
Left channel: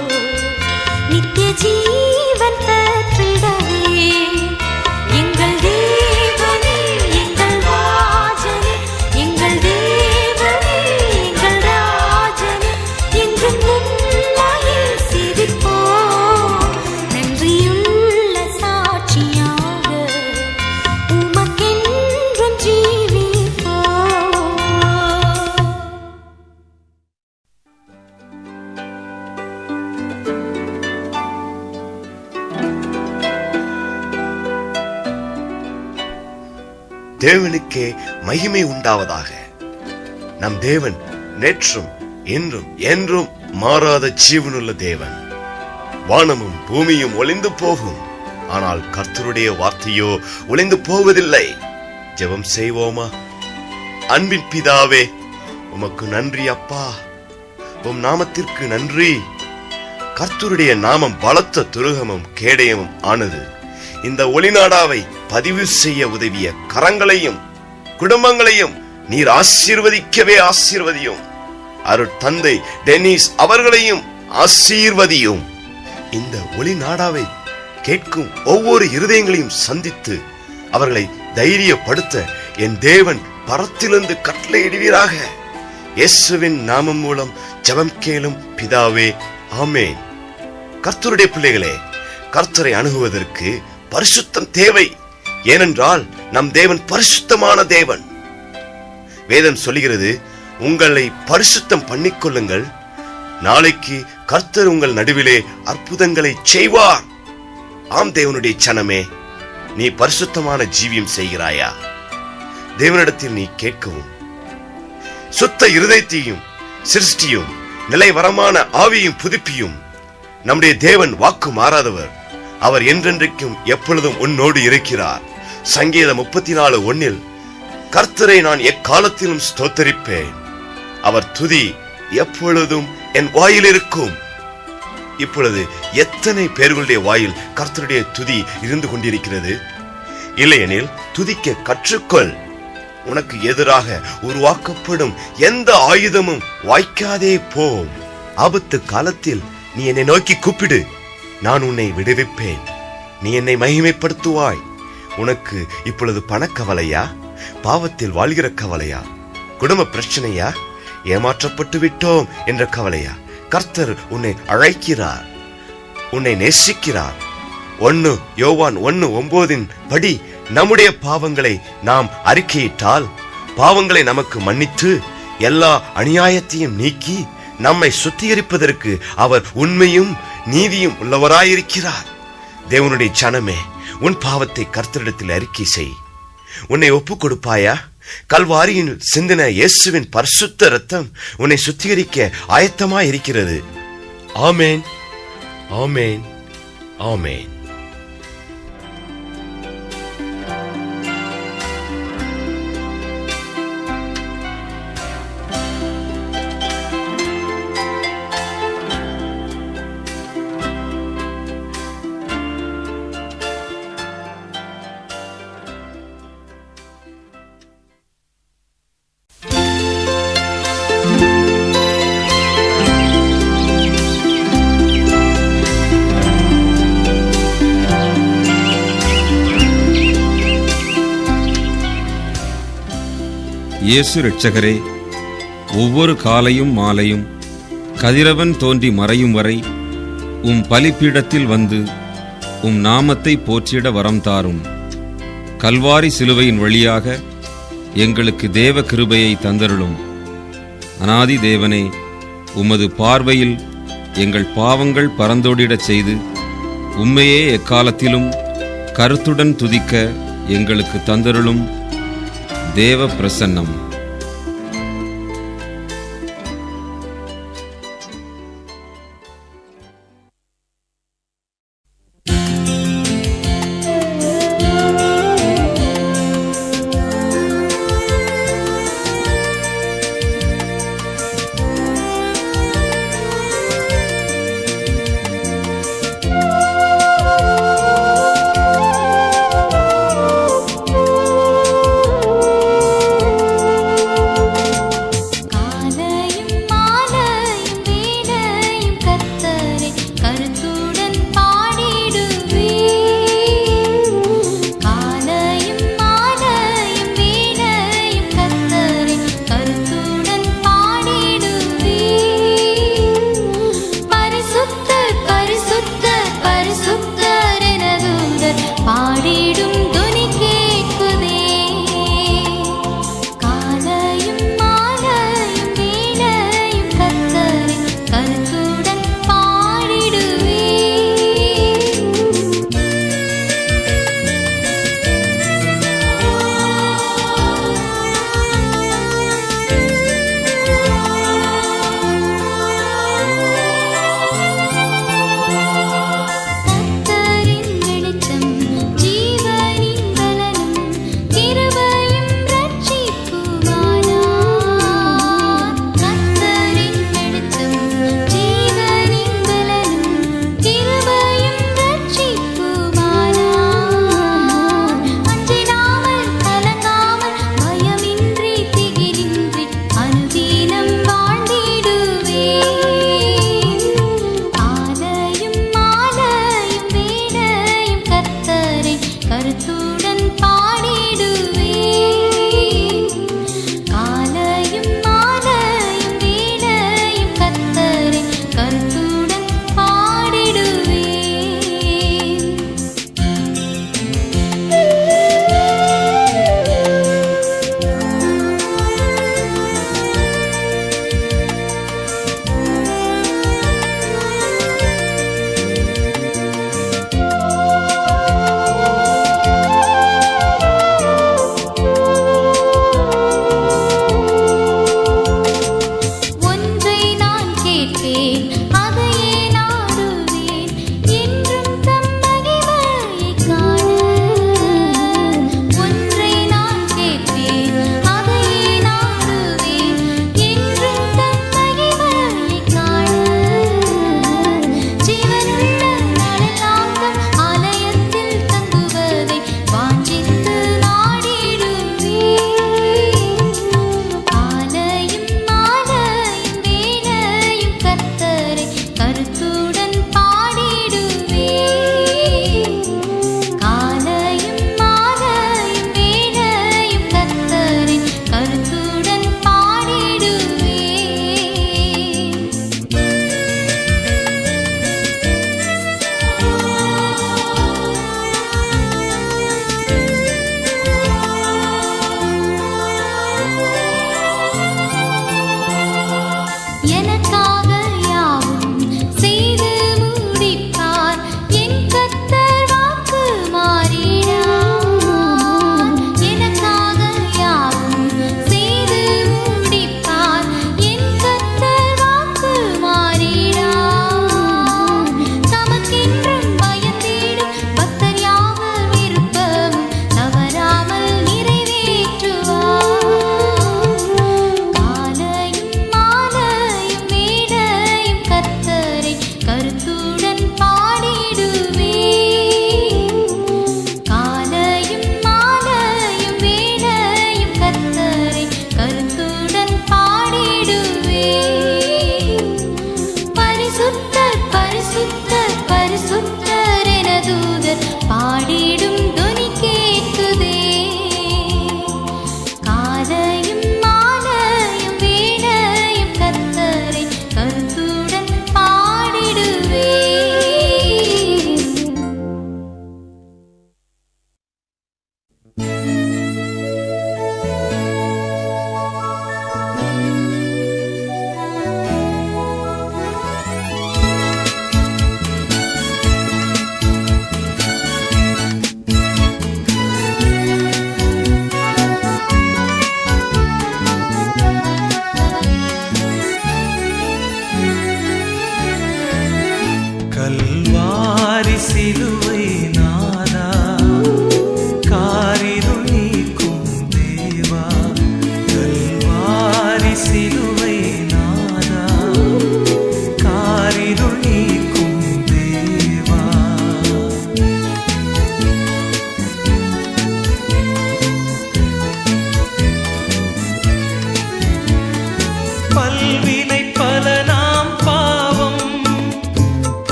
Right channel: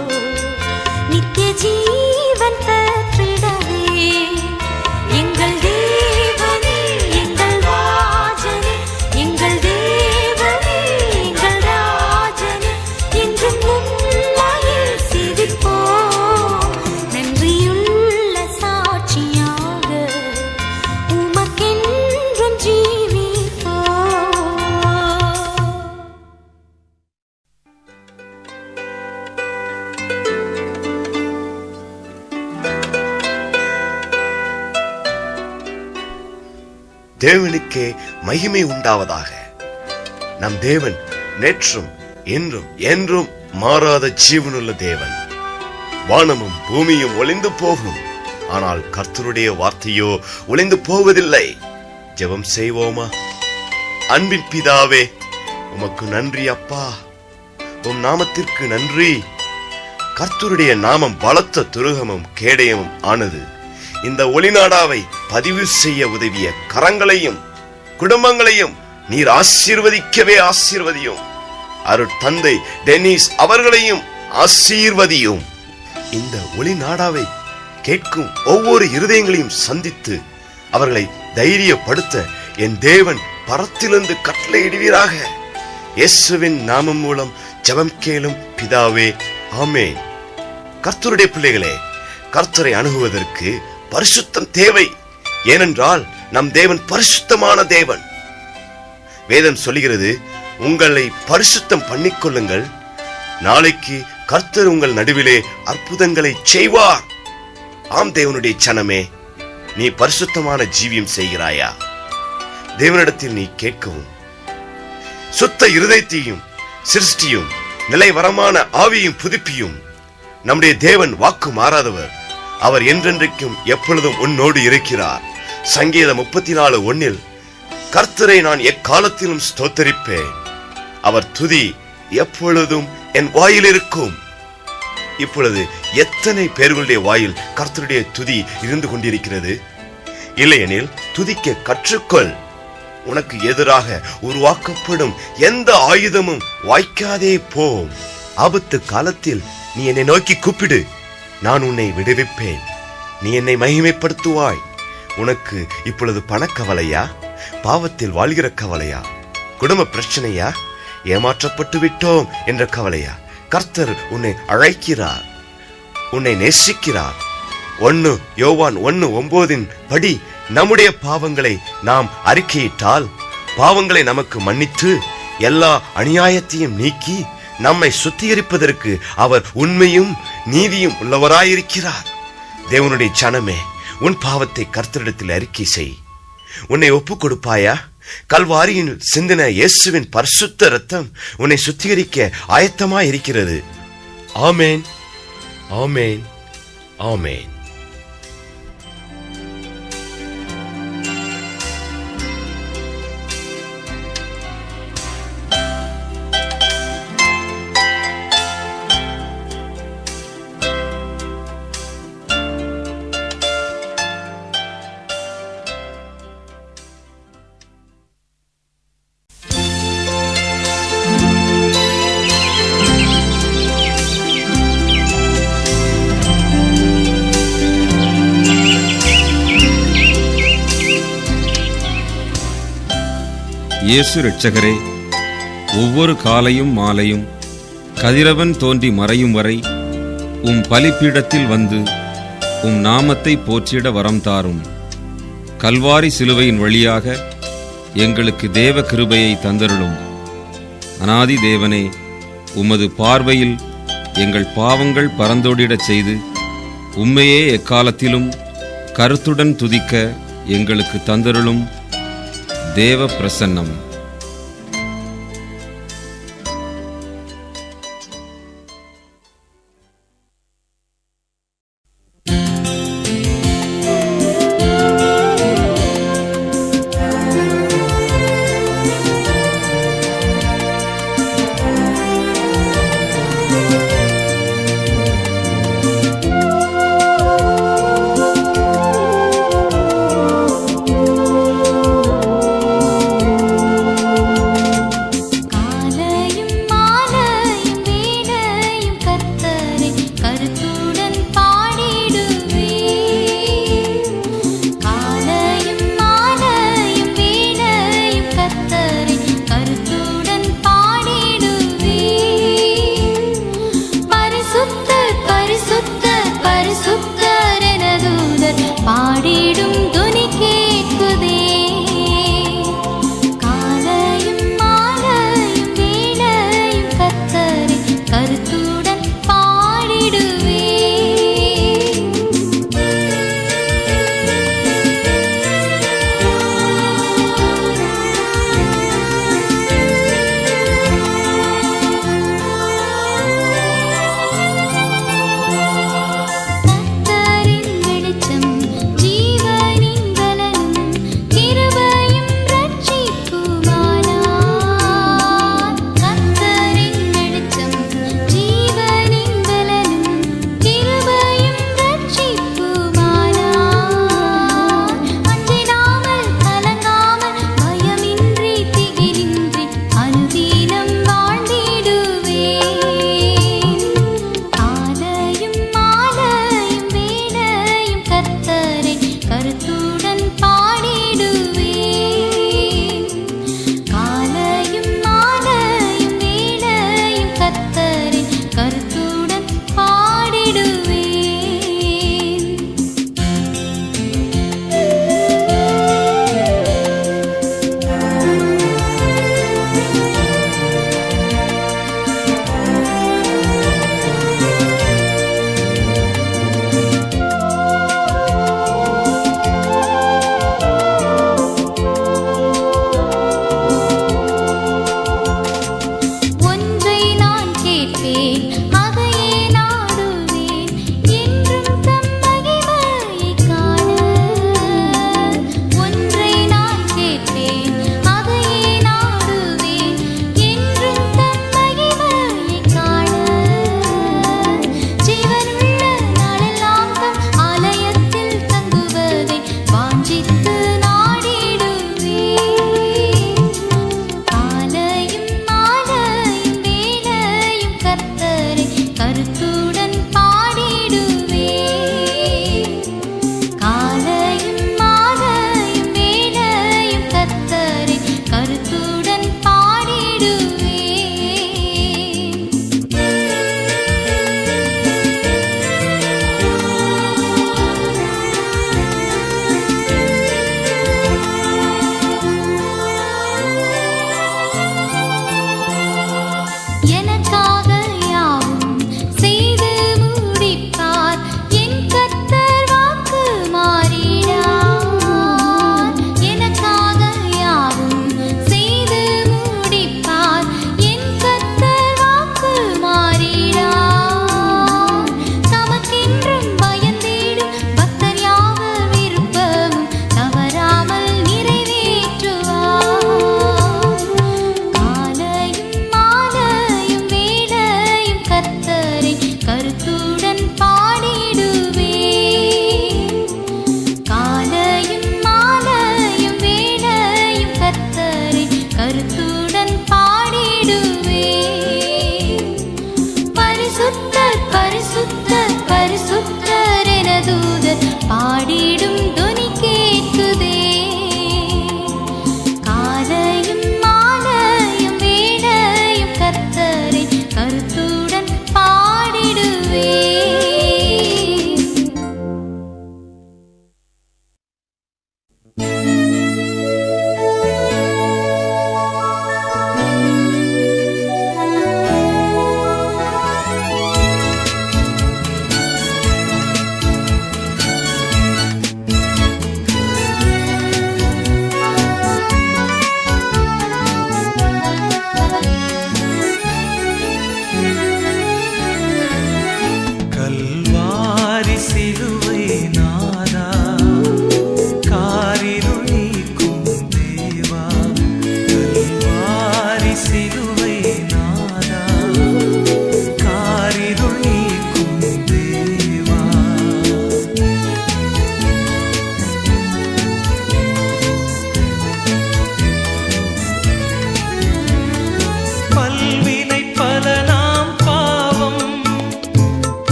நித்திய ஜீவன் பெற்றிடவே. எங்கள் தேவனே எங்கள் ராஜனே எங்கள் தேவனே எங்கள் ராஜனே என்றும் உம்மையே சேவிப்போம். நன்றியுள்ள சாட்சியாக உமக்கென்றும் ஜீவிப்போம். தேவனுக்கே மகிமை உண்டாவதாக. நம் தேவன் நேற்றும் இன்றும் என்றும் மாறாத ஜீவனுள்ள தேவன். வானமும் பூமியும் ஒளிந்து போகும், ஆனால் கர்த்தருடைய வார்த்தையோ ஒளிந்து போவதில்லை. ஜெபம் செய்வோமா? அன்பின் பிதாவே, உமக்கு நன்றி அப்பா. உம் நாமத்திற்கு நன்றி. கர்த்தருடைய நாமம் பலத்த துருகமும் கேடயமும் ஆனது. இந்த ஒளிநாடாவை பதிவு செய்ய உதவிய கரங்களையும் குடும்பங்களையும் நீர் ஆசீர்வதிக்கவே ஆசீர்வதியும். அருட்தந்தை டென்னிஸ் அவர்களையும் ஆசீர்வதியும். இந்த ஒளிநாடாவை கேட்கும் ஒவ்வொரு இருதயங்களையும் சந்தித்து அவர்களை தைரியப்படுத்த என் தேவன் பரத்திலிருந்து கட்டளையிடுவீராக. இயேசுவின் நாமம் மூலம் ஜெபம் கேளும் பிதாவே, ஆமேன். கர்த்தருடைய பிள்ளைகளே, கர்த்தரை அணுகுவதற்கு பரிசுத்தம் தேவை. ஏனென்றால் நம் தேவன் பரிசுத்தமான தேவன். வேதம் சொல்லுகிறது, உங்களை பரிசுத்தம் பண்ணிக்கொள்ளுங்கள், நாளைக்கு கர்த்தர் உங்கள் நடுவிலே அற்புதங்களை செய்வார். ஆம் தேவனுடைய சனமே, நீ பரிசுத்தமான ஜீவியம் செய்கிறாயா? தேவனிடத்தில் நீ கேட்கவும் சுத்த இருதயத்தையும் சிருஷ்டியும் நிலைவரமான ஆவியும் புதுப்பியும். நம்முடைய தேவன் வாக்கு மாறாதவர். அவர் என்றென்றைக்கும் எப்பொழுதும் உன்னோடு இருக்கிறார். சங்கீதம் 34:1 கர்த்தரை நான் எக்காலத்திலும் ஸ்தோத்தரிப்பேன், அவர் துதி எப்பொழுதும் என் வாயில் இருக்கும். இப்பொழுது எத்தனை பேர்களுடைய வாயில் கர்த்தருடைய துதி இருந்து கொண்டிருக்கிறது? இல்லையெனில் துதிக்க கற்றுக்கொள். உனக்கு எதிராக உருவாக்கப்படும் எந்த ஆயுதமும் வாய்க்காதே போம். ஆபத்து காலத்தில் நீ என்னை நோக்கி கூப்பிடு, நான் உன்னை விடுவிப்பேன். நீ என்னை மகிமைப்படுத்துவாய். உனக்கு இப்பொழுது பணக்கவலையா? பாவத்தில் வாழ்கிற கவலையா? குடும்ப பிரச்சனையா? ஏமாற்றப்பட்டு விட்டோம் என்ற கவலையா? கர்த்தர் உன்னை அழைக்கிறார், உன்னை நேசிக்கிறார். 1 யோவான் 1:9 படி நம்முடைய பாவங்களை நாம் அறிக்கையிட்டால் பாவங்களை நமக்கு மன்னித்து எல்லா அநியாயத்தையும் நீக்கி நம்மை சுத்திகரிப்பதற்கு அவர் உண்மையும் நீதியும் உள்ளவராயிருக்கிறார். தேவனுடைய ஜனமே, உன் பாவத்தை கர்த்தரிடத்தில் அறிக்கை செய். உன்னை ஒப்புக் கொடுப்பாயா? கல்வாரியின் சிந்தின இயேசுவின் பரிசுத்த இரத்தம் உன்னை சுத்திகரிக்க ஆயத்தமாய் இருக்கிறது. ஆமேன், ஆமேன், ஆமேன். இயேசு இரட்சகரே, ஒவ்வொரு காலையும் மாலையும் கதிரவன் தோன்றி மறையும் வரை உம் பலிப்பீடத்தில் வந்து உம் நாமத்தை போற்றிட வரம் தாரும். கல்வாரி சிலுவையின் வழியாக எங்களுக்கு தேவ கிருபையை தந்தருளும். அநாதி தேவனே, உமது பார்வையில் எங்கள் பாவங்கள் பறந்தோடிடச் செய்து உம்மையே எக்காலத்திலும் கருத்துடன் துதிக்க எங்களுக்கு தந்தருளும். தேவ பிரசன்னம். பாடிடும் துணி கேட்குதே. காலையும்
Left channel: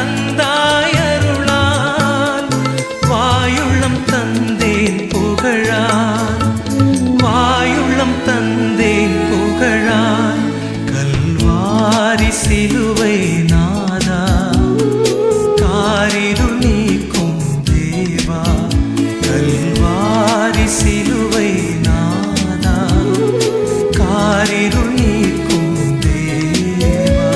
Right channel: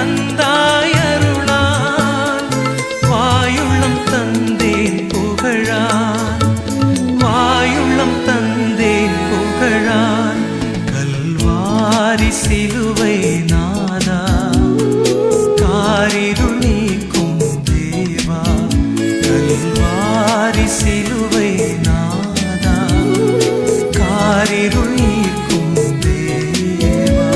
தந்தாய் அருளால் வாயுள்ளம் தந்தேன் புகழால் வாயுள்ளம் தந்தேன் புகழால் கல்வாரி சிலுவை நாதா காரிருள் நீக்கும் தேவா கல்வாரி சிலுவை நாதா காரிருள் நீக்கும் தேவா.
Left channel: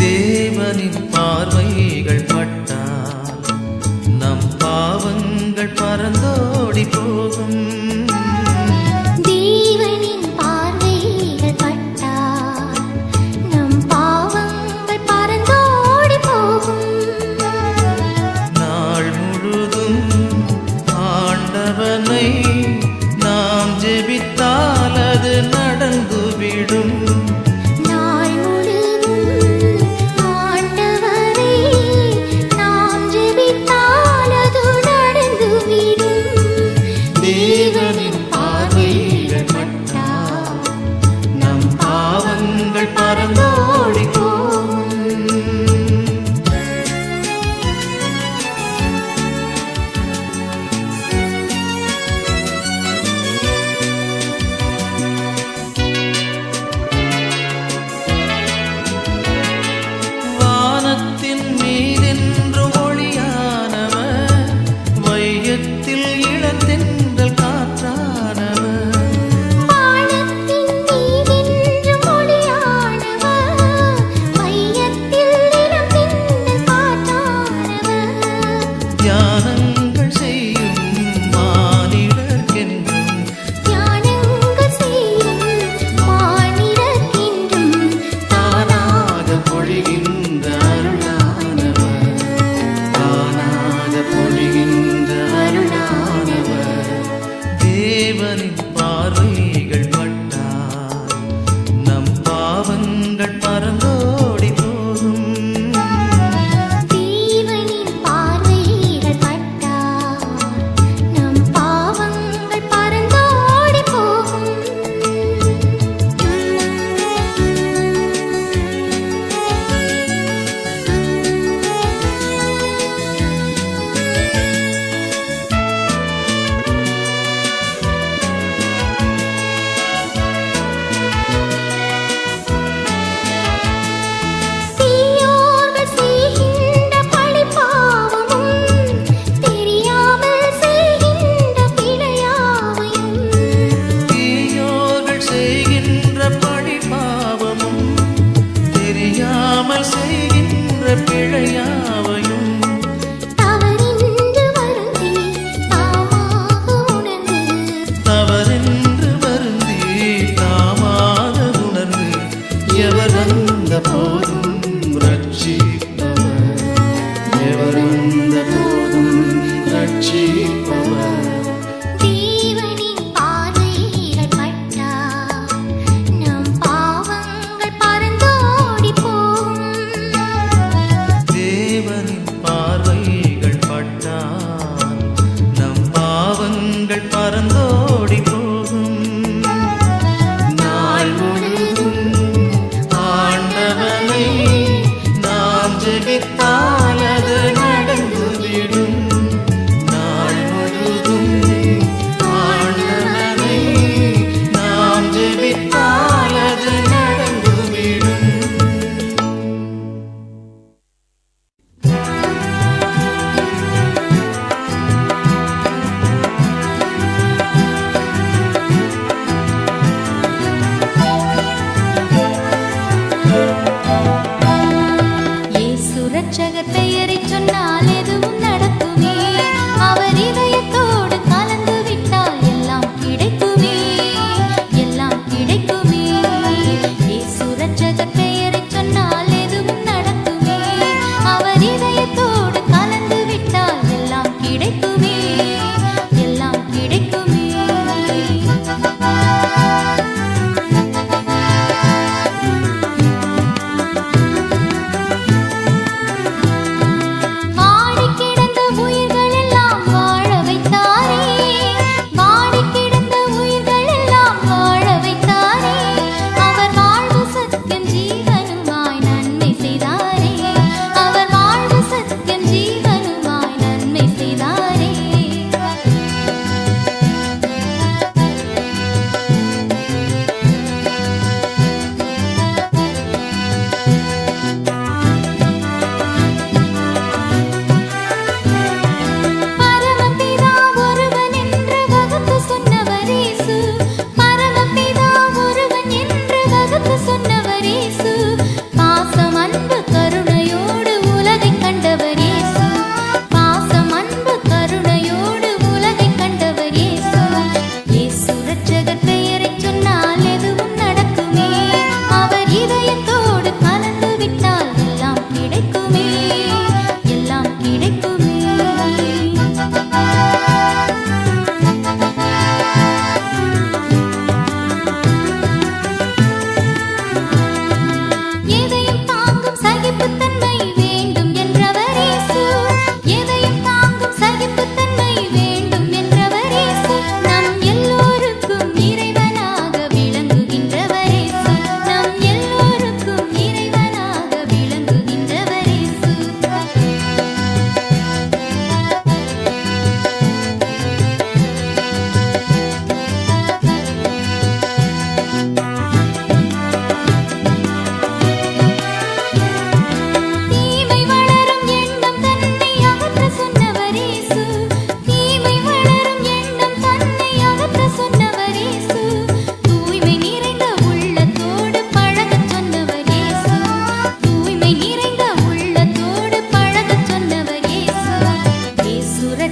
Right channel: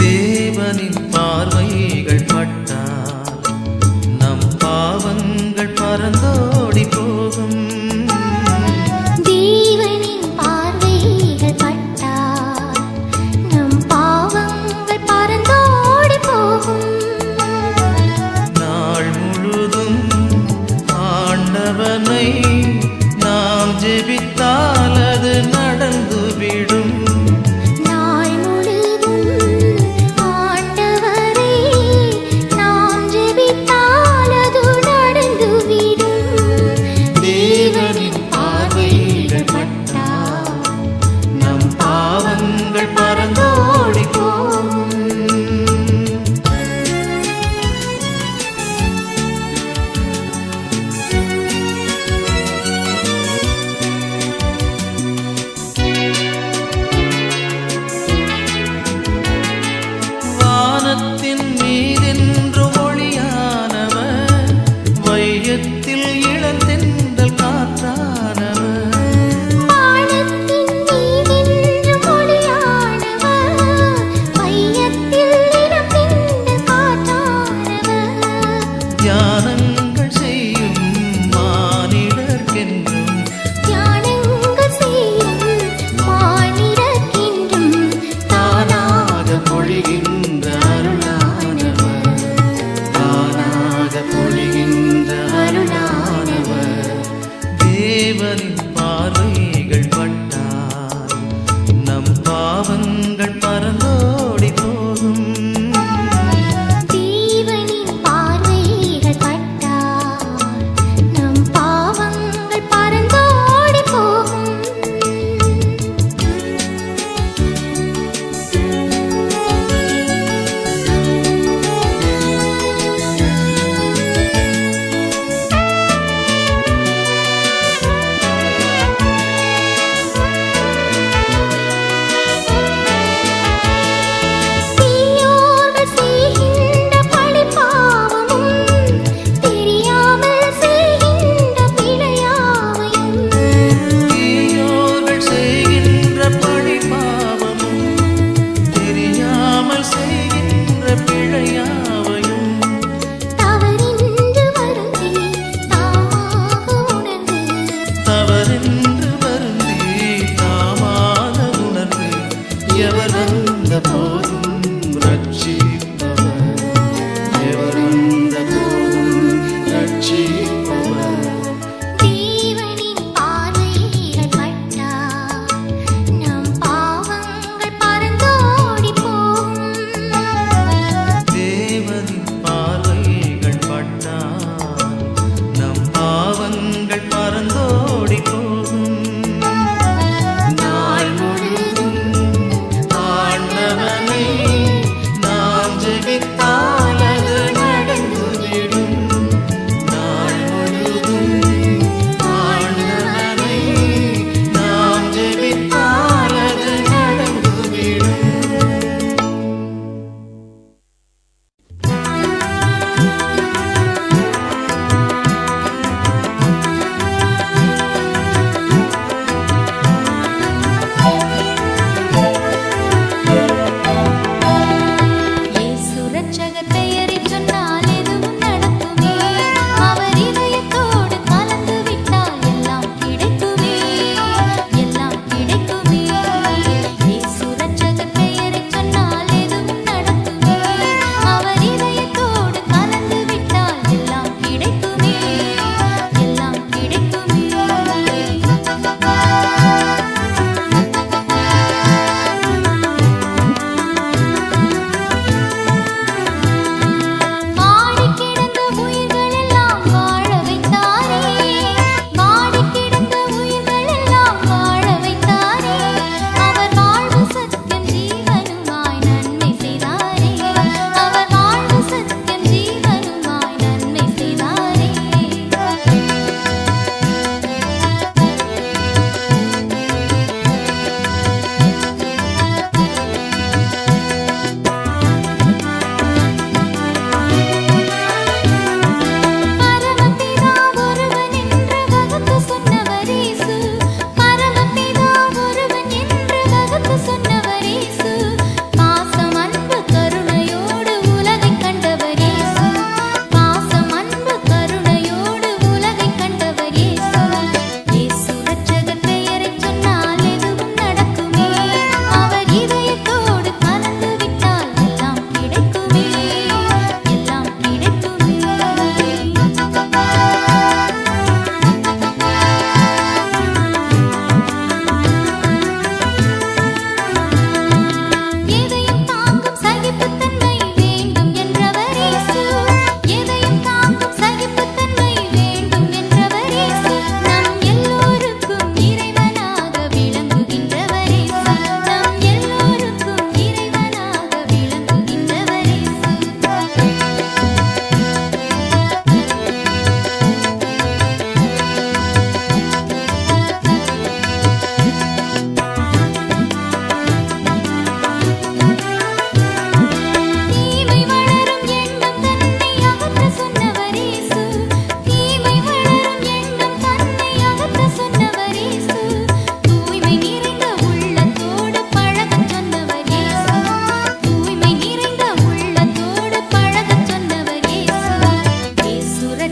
தேவனின் பார்வைகள் பட்டால் நம் பாவங்கள் பறந்தோடி போகும். தேவனின் பார்வைகள் பட்டால் நம் பாவங்கள் பறந்தோடி போகும். நாள் முழுதும் ஆண்டவனை நாம் ஜெபித்தால் அது நடந்துவிடும். நாள் முழுதும் ஆண்டவரை நாம் ஜெபித்தால் அது நடந்துவிடும். தேவனின் பார்வைகள் பட்டால் நம் பாவங்கள் பறந்தோடி போகும். தியானங்கள் செய்யும் மானிடர்க்கென்றும் தியானங்கள் செய்யும் மானிடர்க்கென்றும் தானாக பொழிகின்ற அருளானவர், தானாக பொழிகின்ற அருளானவர். தேவனின் பார்வைகள் பட்டால் நம் பாவங்கள் பறந்தோடி போகும். தேவனின் பார்வைகள் பட்டால் நம் பாவங்கள் பறந்தோடி போகும். தீயோர்கள் செய்கின்ற பழிபாவமும் தெரியாமல் செய்கின்ற பிழையாவையும் தீயோர்கள் செய்கின்ற பழிபாவமும் தெரியாமல் செய்கின்ற பிழையாவையும் தவறின்று வருந்தி தாமாக உணர்ந்து தவறென்று வருந்தி தாமாக உணர்ந்து எவர் வந்த போதும் ரட்சிப்பவர், எவர் வந்த போதும் ரட்சிப்பவர். தேவனின் பார்வைகள் பட்டால் நம் பாவங்கள் பறந்தோடி போகும். தேவனின் பார்வைகள் பட்டால் நம் பாவங்கள் பறந்தோடி போகும். நாள் முழுதும் ஆண்டவனை நாம் ஜெபித்தால் அது நடந்துவிடும். நாள் முழுதும் ஆண்டவனை நாம் ஜெபித்தால் அது நடந்துவிடும்.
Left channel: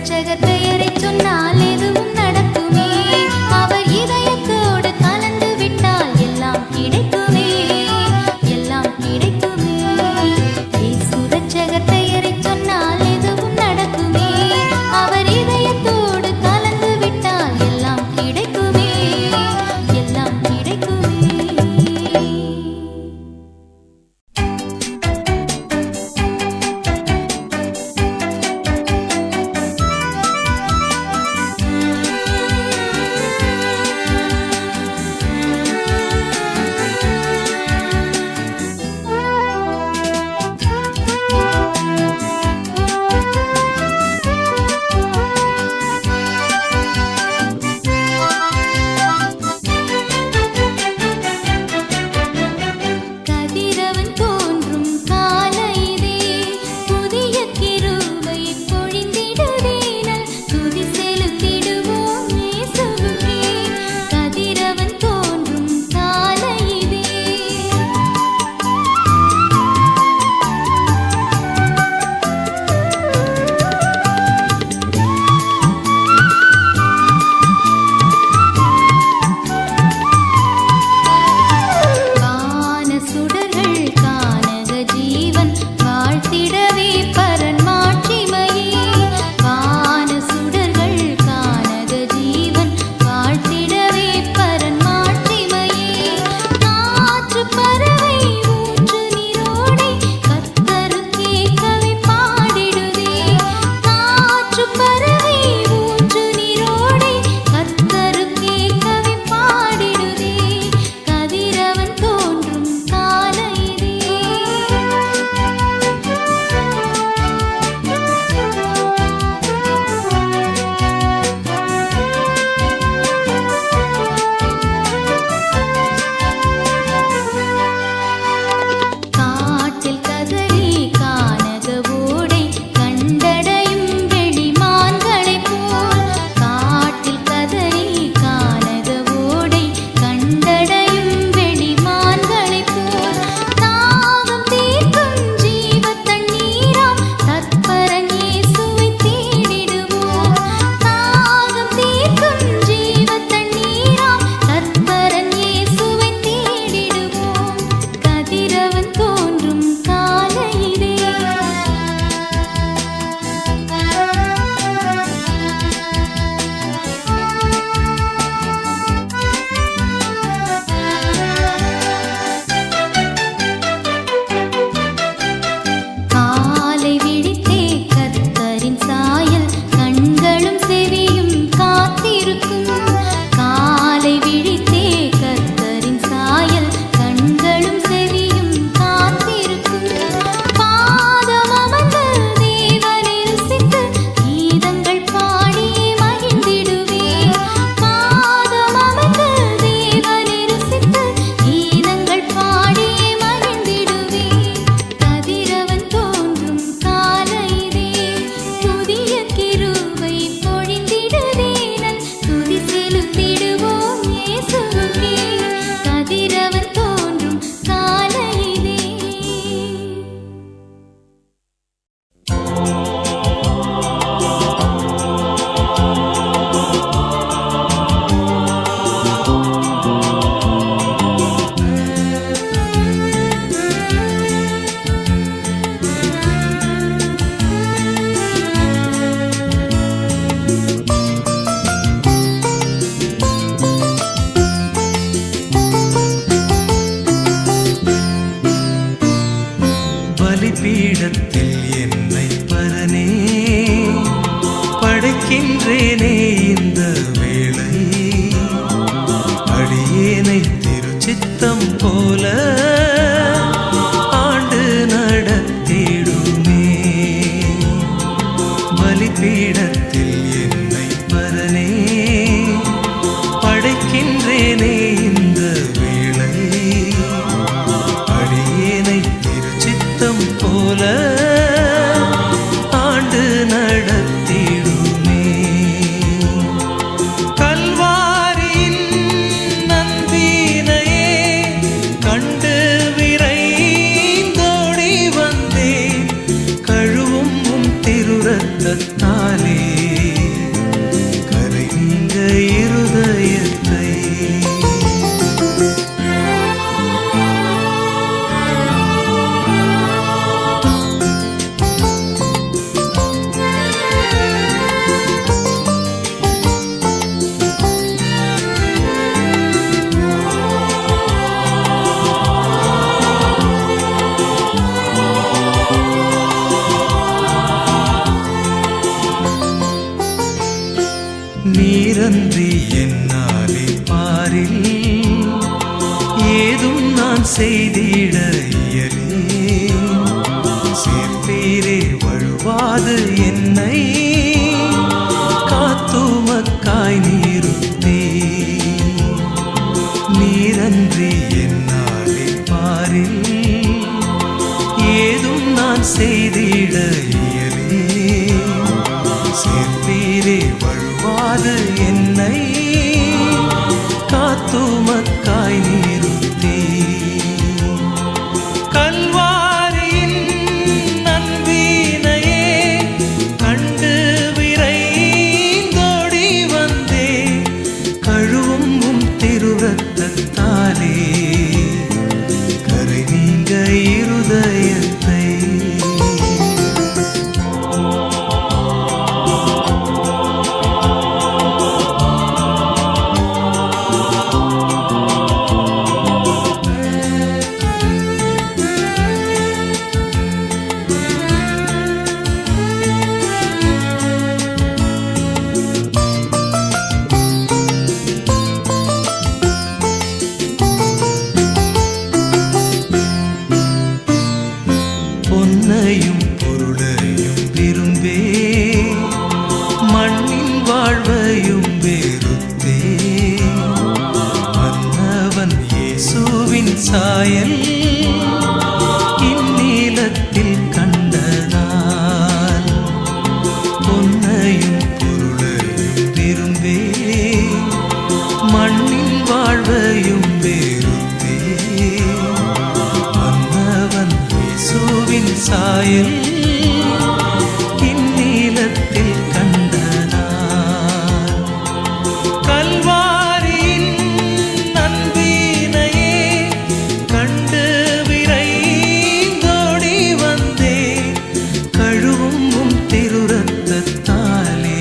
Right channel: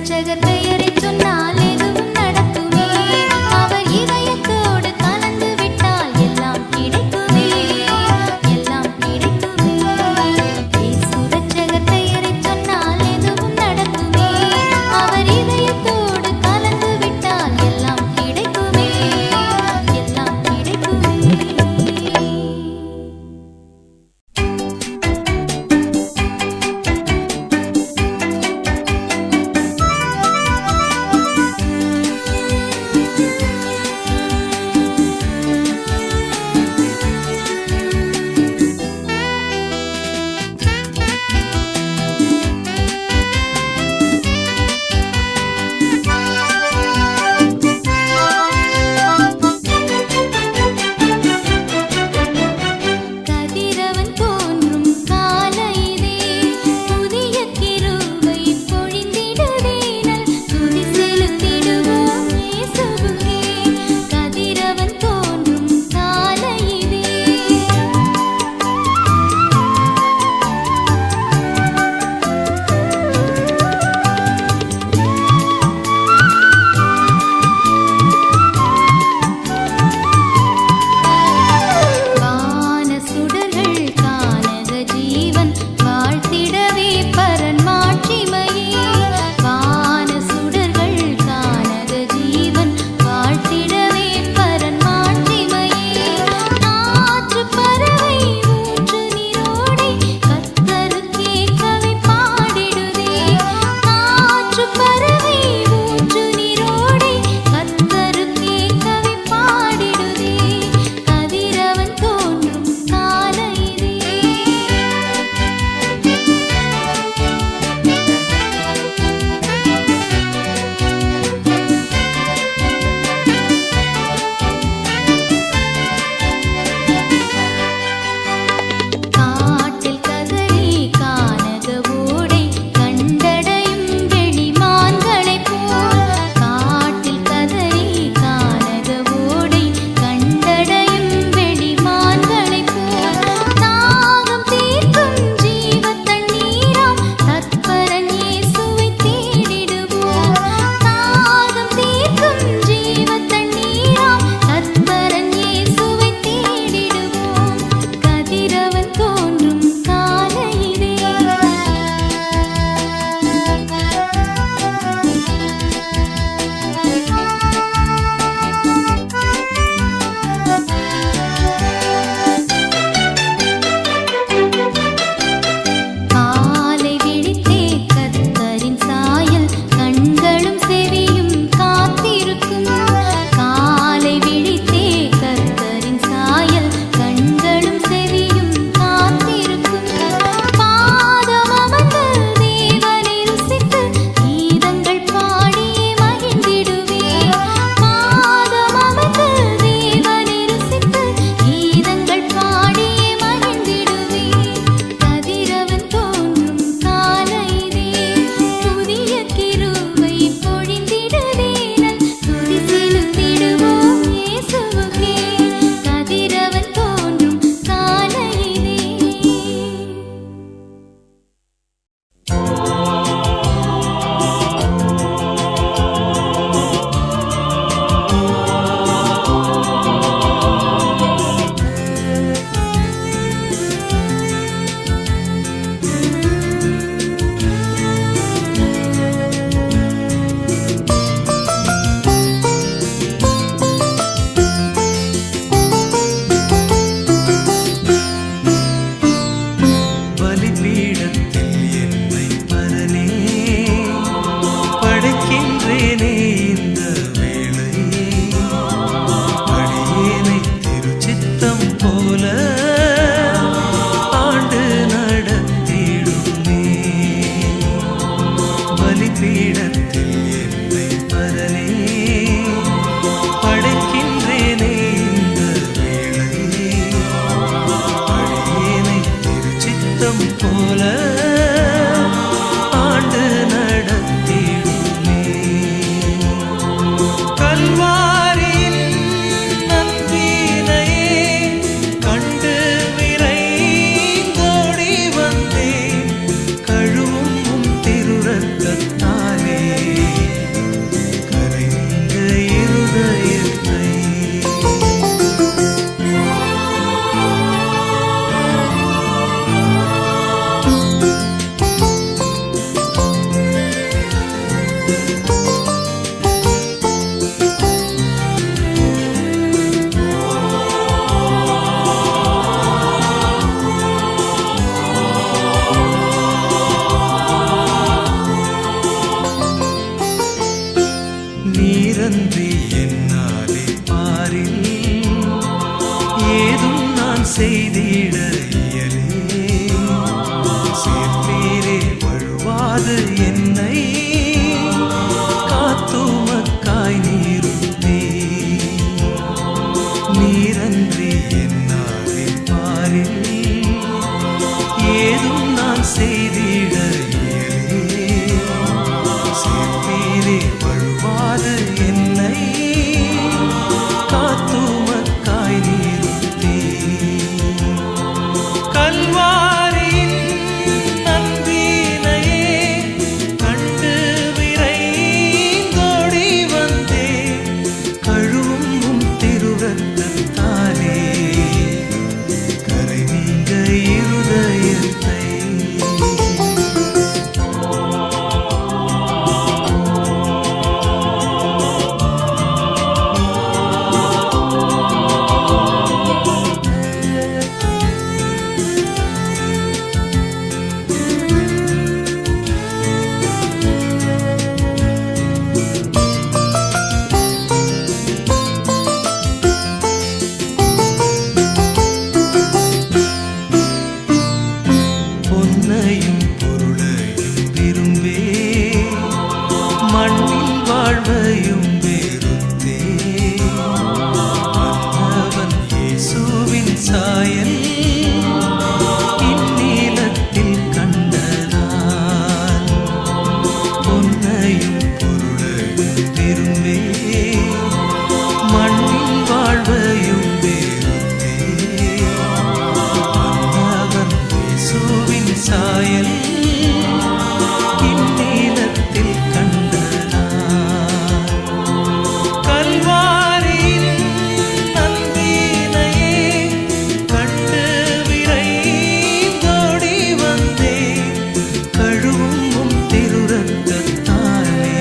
இரட்சகர் பெயரை சொன்னால் எதுவும் நடக்குமே. அவர் இதயத்தோடு கலந்து விட்டால் எல்லாம் கிடைக்குமே, எல்லாம் கிடைக்குமே. இயேசு இரட்சகர் பெயரை சொன்னால் எதுவும் நடக்குமே. அவர் இதயத்தோடு கலந்து விட்டால் எல்லாம் கிடைக்குமே, எல்லாம் கிடைக்குமே. கதிரவன் தோன்றும் காலையிலே புதிய கிருபை பொழிந்திடுதேனல் துதி செலுத்திடுவோம் இயேசுவுக்கே. கதிரவன் தோன்றும் காலையிலே வான சுடர்கள் கானக ஜீவன் வாழ்த்திடவே பரன் மாட்சிமையே. வான சுடர்கள் கானக ஜீவன் வாழ்த்திடவே பரன் மாட்சிமையே. காற்று பறவை ஊற்று நீரோடை கர்த்தருக்கே கவி பாடிடுதே. காற்று பறவை ஊற்று நீரோடை கர்த்தருக்கே கவி பாடிடுதே. கதிரவன் தோன்றும் காலையிலே காட்டில் கதறி கானக ஓடை கண்டடையும் வெளிமான்களைப் போல். காட்டில் கதறி கானக ஓடை கண்டடையும் வெளிமான்களைப் போல். தாகம் தீர்க்கும் ஜீவ தண்ணீராம் தற்பரன் இயேசுவை தேடிடுவோம். தாகம் தீர்க்கும் ஜீவ தண்ணீராம் தற்பரன் இயேசுவை தேடிடுவோம். கதிரவன் தோன்றும் காலையிலே காலை விழித்தே கர்த்தரின் சாயல் கண்களும் செவியும் காத்திருக்கும். காலை விழித்தே கர்த்தரின் சாயல் கண்களும் செவியும் காத்திருக்கும். பாதம் அமர்ந்து தேவனை ருசித்து கீதங்கள் பாடியே மகிழ்ந்திடுவே. பாதம் அமர்ந்து தேவனை ருசித்து கீதங்கள் பாடியே மகிழ்ந்திடுவே. கதிரவன் தோன்றும் காலையிலே புதிய கிருபை பொழிந்திடுதேனல் துதி செலுத்திடுவோம் இயேசுவுக்கே. கதிரவன் தோன்றும் காலையிலே பலிபீடத்தில் என்னை பரனே படைக்கின்றேனே இந்த வேளை. அடியேனை திருச்சித்தம் போல ஆண்டு நடத்திடுமே. பலிபீடத்தில் என்னை பரனே படைக்கின்றேனே இந்த வேளை. அடியேனை திருச்சித்தம் போல ஆண்டு நடத்திடுமே. கல்வாரியின் நன்பினையே கண்டு விரைந்தோடி வந்தேன். கழுவும் திருரத்தத்தால் இரத்தத்தாலே கரை நீங்க இருதயத்தை. நீரன்றி என்னாலே பாரில் ஏதும் நான் செய்திட இயலே. சேர்ப்பீரே வழுவாது என்னை காத்துமக்காய் நீருத்தே. நீரன்றி என்னாலே பாரில் ஏதும் நான் செய்திட இயலே. சேர்ப்பீரே வழுவாது என்னை காத்துமக்காய் நீருத்தே. கல்வாரியின் நன்பினையே கண்டு விரைந்தோடி வந்தே. கழுவும் திருரத்தத்தாலே கரை நீங்க இருதயத்தை. பொன்னையும் பொருளையும் விரும்பே மண்ணின் வாழ்வையும் வெறுத்தே. மன்னவன் இயேசுவின் சாயல் இந்நீலத்தில் கண்டதால் பொன்னையும் பொருளையும் விரும்பே மண்ணின் வாழ்வையும் வெறுத்தே. மன்னவன் இயேசுவின் சாயல் இந்நீலத்தில் கண்டதால் கல்வாரியின் நன்பினையே கண்டு விரைந்தோடி வந்தே. கழுவும் திருரத்தத்தாலே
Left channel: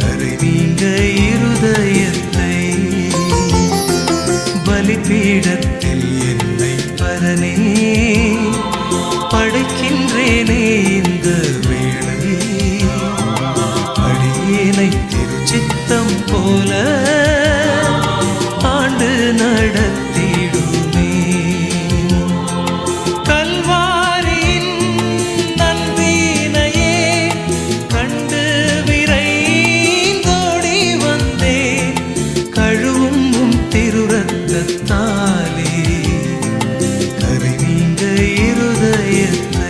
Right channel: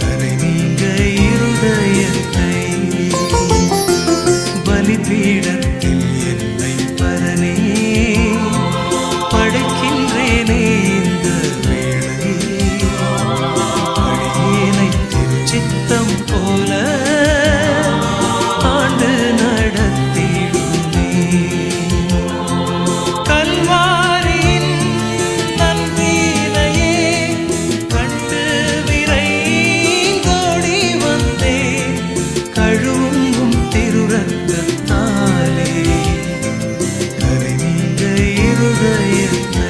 கரை நீங்க இருதயத்தை. பலிபீடத்தில் என்னை பரனே படைக்கின்றேனே இந்த வேளை. அடியேனை திருச்சித்தம் போல ஆண்டு நடத்திடுமே. கல்வாரியின் நன்பினையே கண்டு விரைந்தோடி வந்தே. கழுவும் திருரத்தத்தாலே கரை நீங்க இருதயத்தை.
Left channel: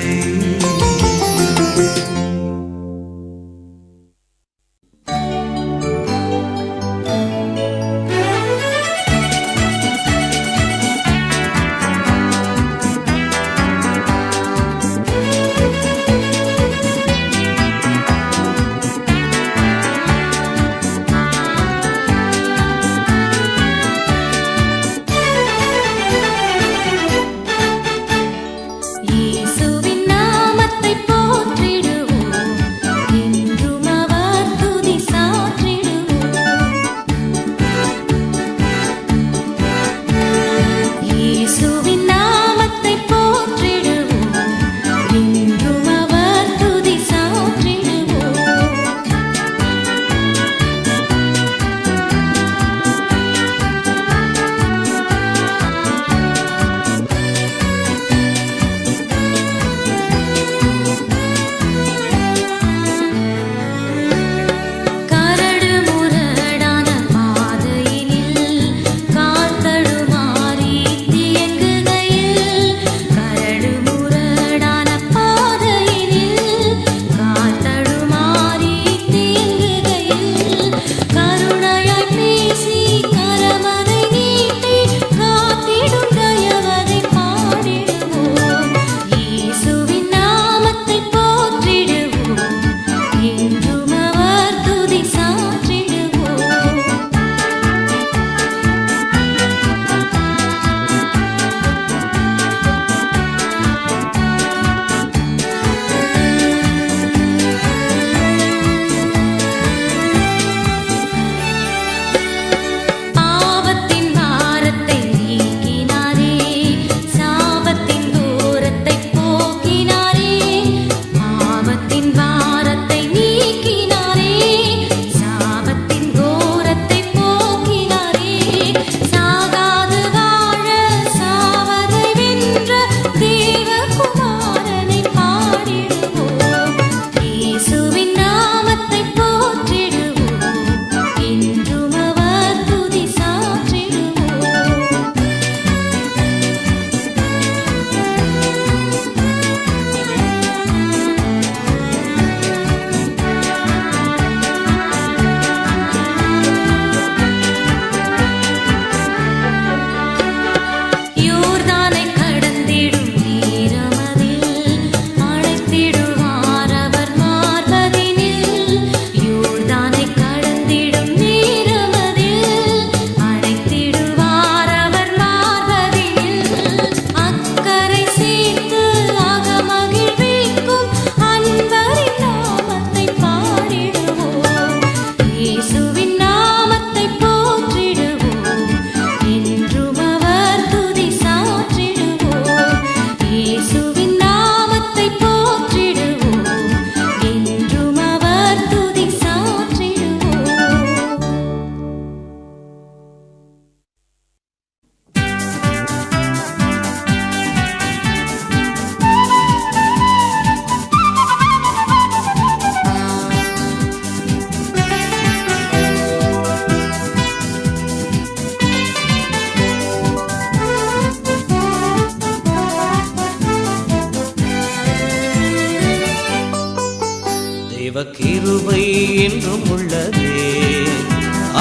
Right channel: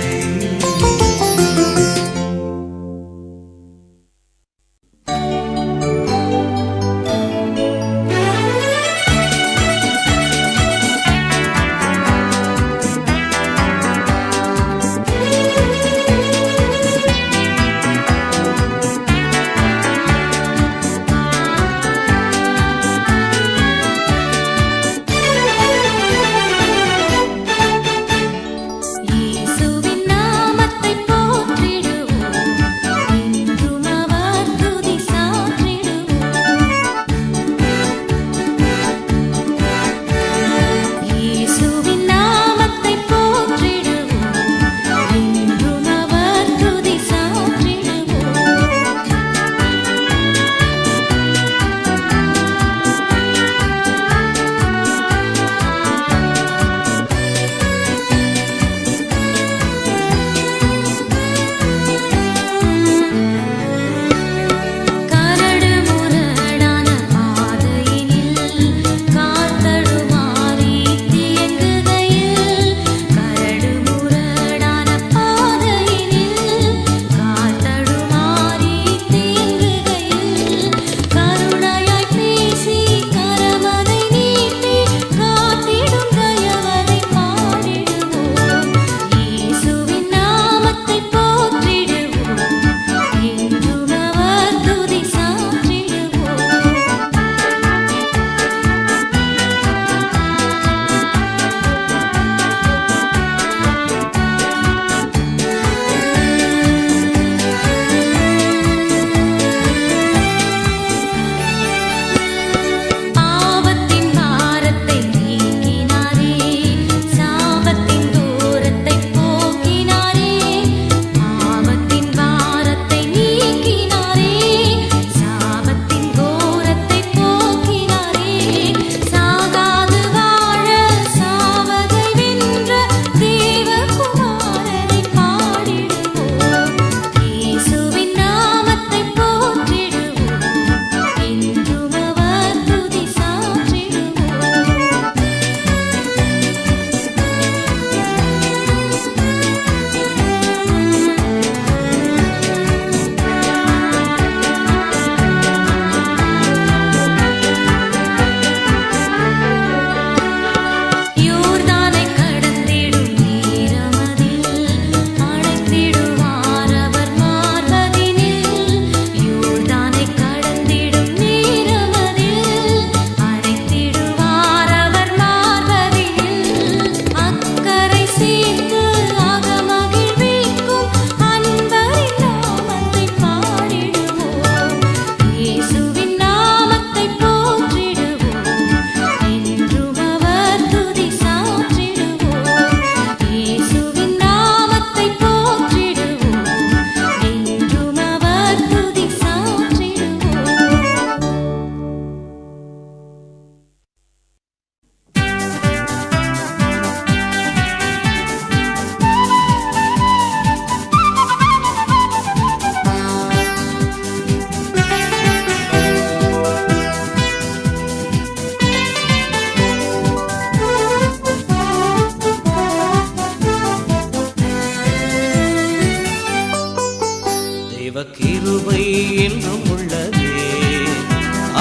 கிருபை என்றும் உள்ளதே,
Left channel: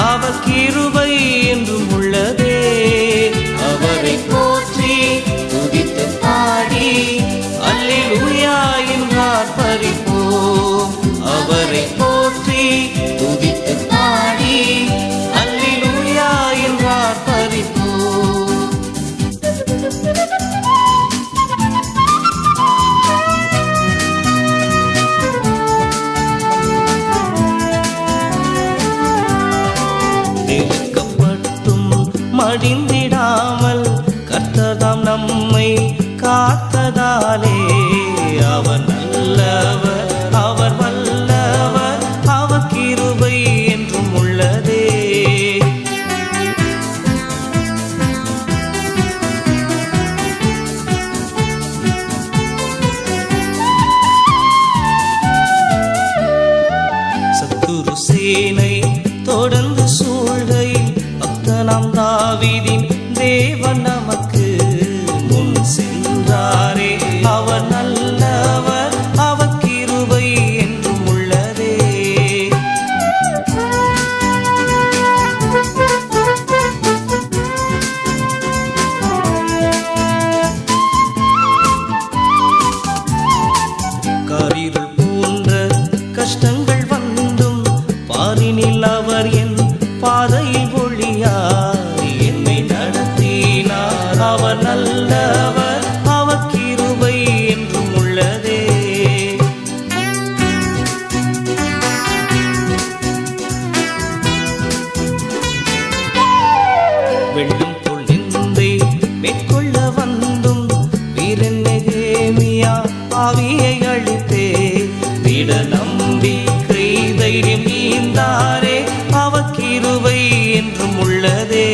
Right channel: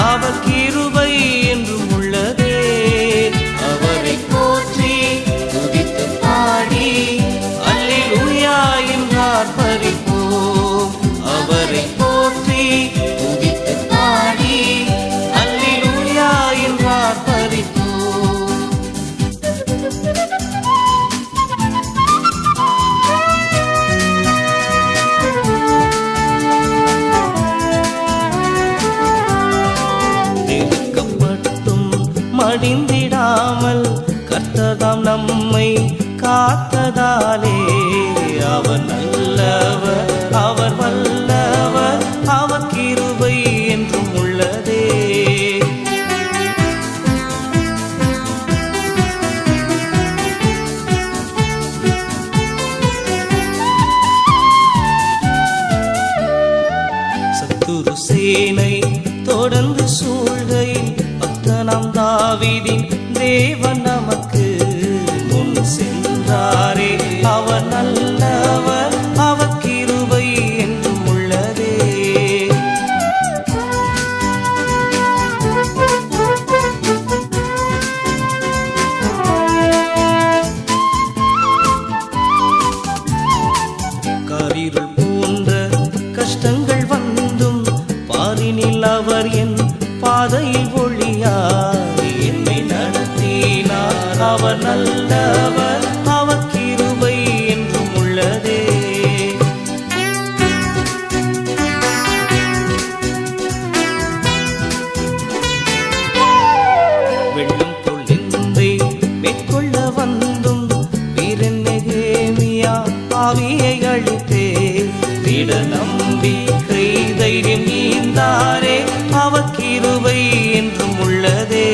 அவர் கிருபை என்றும் உள்ளதே. அவரை போற்றி துதித்து பாடி அல்லேலூயா என்றார் பரிப்போம். அவரை போற்றி துதித்து பாடி அல்லேலூயா என்றார் பரிப்போம். நெருக்கப்பட்டும் மடிந்திடாமல் கர்த்தர்தாம் நம்மை காத்ததாலே, அவர் நல்லவர், அவர் வல்லவர், அவர் கிருபை என்றும் உள்ளதே. சத்துரு சேனை தொடர்ந்து சூழ்கையில் பக்தனாம் தாவீதின் தேவன் நமக்கு முன் சென்றாரே. அவர் நல்லவர், அவர் கிருபை என்றும் உள்ளதே. காரிருள் போன்ற கஷ்டங்கள் வந்தும் பாரினில் அவர் என் பாதையில் ஒளியாய் என்னை நடத்தினார். அவர் நல்லவர், அவர் கிருபை என்றும் உள்ளதே. வெள்ளம் பொழிந்தை மேற்கொள்ள வந்தும் வீரன் நெகேமியா ஆவியை அழித்தே. விட நம்பிக்கை தைரியம் ஈந்தாரே, அவர் கிருபை என்றும் உள்ளதே.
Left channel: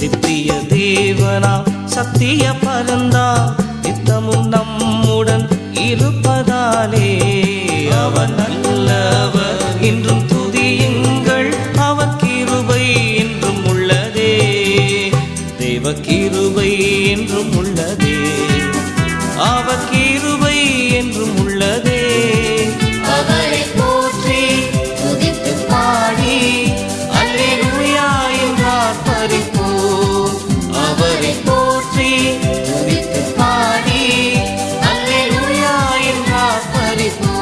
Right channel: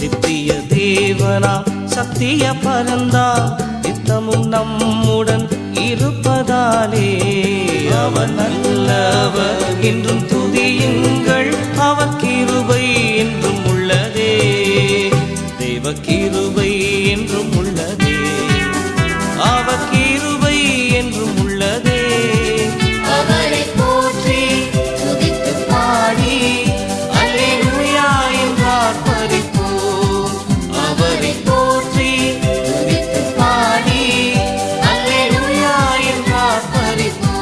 நித்திய தேவனா சத்திய பரந்தா நித்தமும் நம்முடன் இருப்பதாலே, அவர் நல்லவர் என்றும் துதியுங்கள், அவர் கிருபை என்றும் உள்ளதே. தேவ கிருபை என்றும் உள்ளதே, அவர் கிருபை என்றும் உள்ளதே. அவரை போற்றி துதித்து பாடி அல்லேலூயா என்றார் பரிப்போம். அவரை போற்றி துதித்து பாடி அல்லேலூயா என்றார் பரிப்போம்.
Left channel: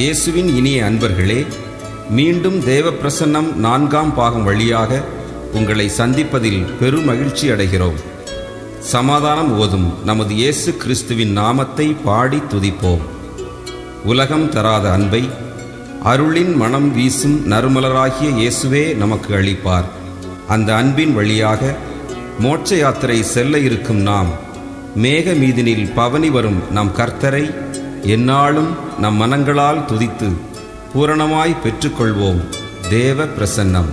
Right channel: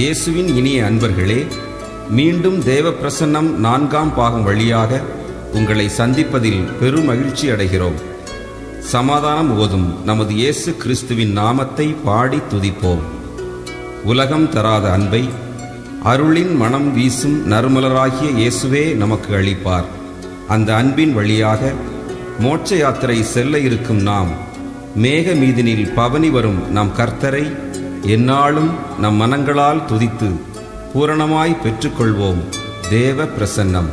இயேசுவின் இனிய அன்பர்களே, மீண்டும் தேவ பிரசன்னம் 4ஆம் பாகம் வழியாக உங்களை சந்திப்பதில் பெருமகிழ்ச்சி அடைகிறோம். சமாதானம் ஓதும் நமது இயேசு கிறிஸ்துவின் நாமத்தை பாடி துதிப்போம். உலகம் தராத அன்பை அருளின் மனம் வீசும் நறுமலராகிய இயேசுவே நமக்கு அளிப்பார். அந்த அன்பின் வழியாக மோட்ச யாத்திரை செல்ல இருக்கும் நாம் மேக மீதினில் பவனி வரும் நம் கர்த்தரை எந்நாளும் நம் மனங்களால் துதித்து பூரணமாய் பெற்றுக்கொள்வோம் தேவ பிரசன்னம்.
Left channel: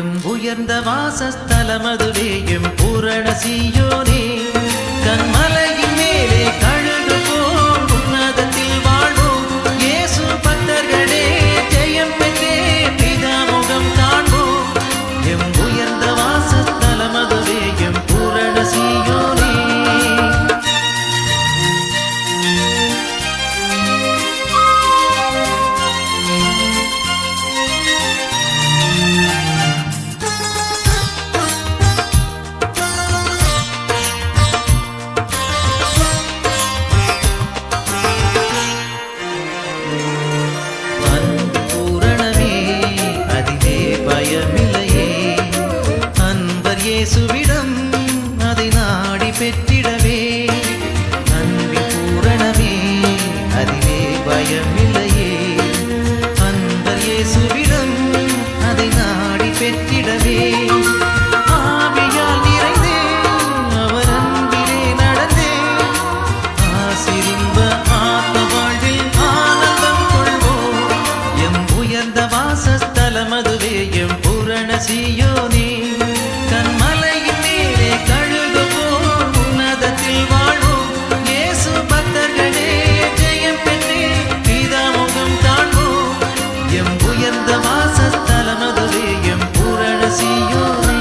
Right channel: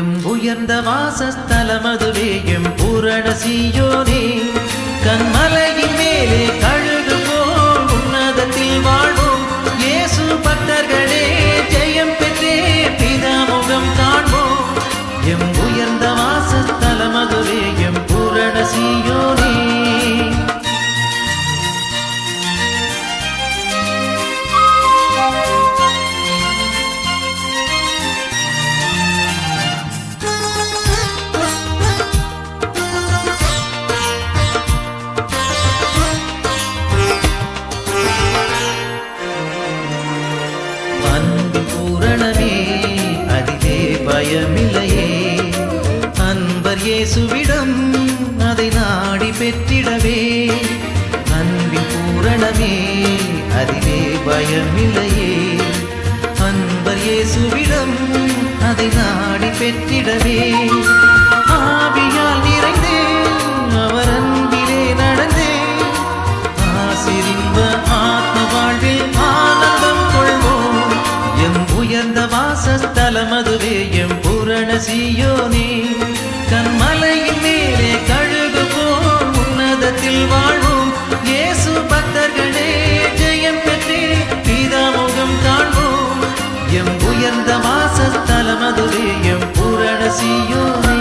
எம் உயர்ந்த வாசஸ்தலமதுவே எம் பூரண சீயோனே, கண்மலையின் மேலே கழுகு போல் உன்னதத்தில் வாழ்வோம். இயேசு பக்தர்களே ஜெயம் பெற்றே பிதாமுகம் காண்போம். எம் உயர்ந்த வாசஸ்தலமதுவே எம் பூரண சீயோனே. பயமில்லையே அன்பர் இயேசுவிடம் அதை நாடி பெற்றிடவே. அன்பின் பூரணமே அதிலே பயமில்லையே அன்பர் இயேசுவிடம் அதை நாடி பெற்றிடவே. ஆவியால் நிறைந்தே அவர் அன்பிலே நடந்தே ஆசிரின்ப ஆத்ம வாழ்வில் ஆனந்தம் கொள்வோம். எம் உயர்ந்த வாசஸ்தலமதுவே எம் பூரண சீயோனே, கண்மலையின் மேலே கழுகு போல் உன்னதத்தில் வாழ்வோம். இயேசு பக்தர்களே ஜெயம் பெற்றே பிதாமுகம் காண்போம். எம் உயர்ந்த வாசஸ்தலமதுவே எம் பூரண சீயோனே.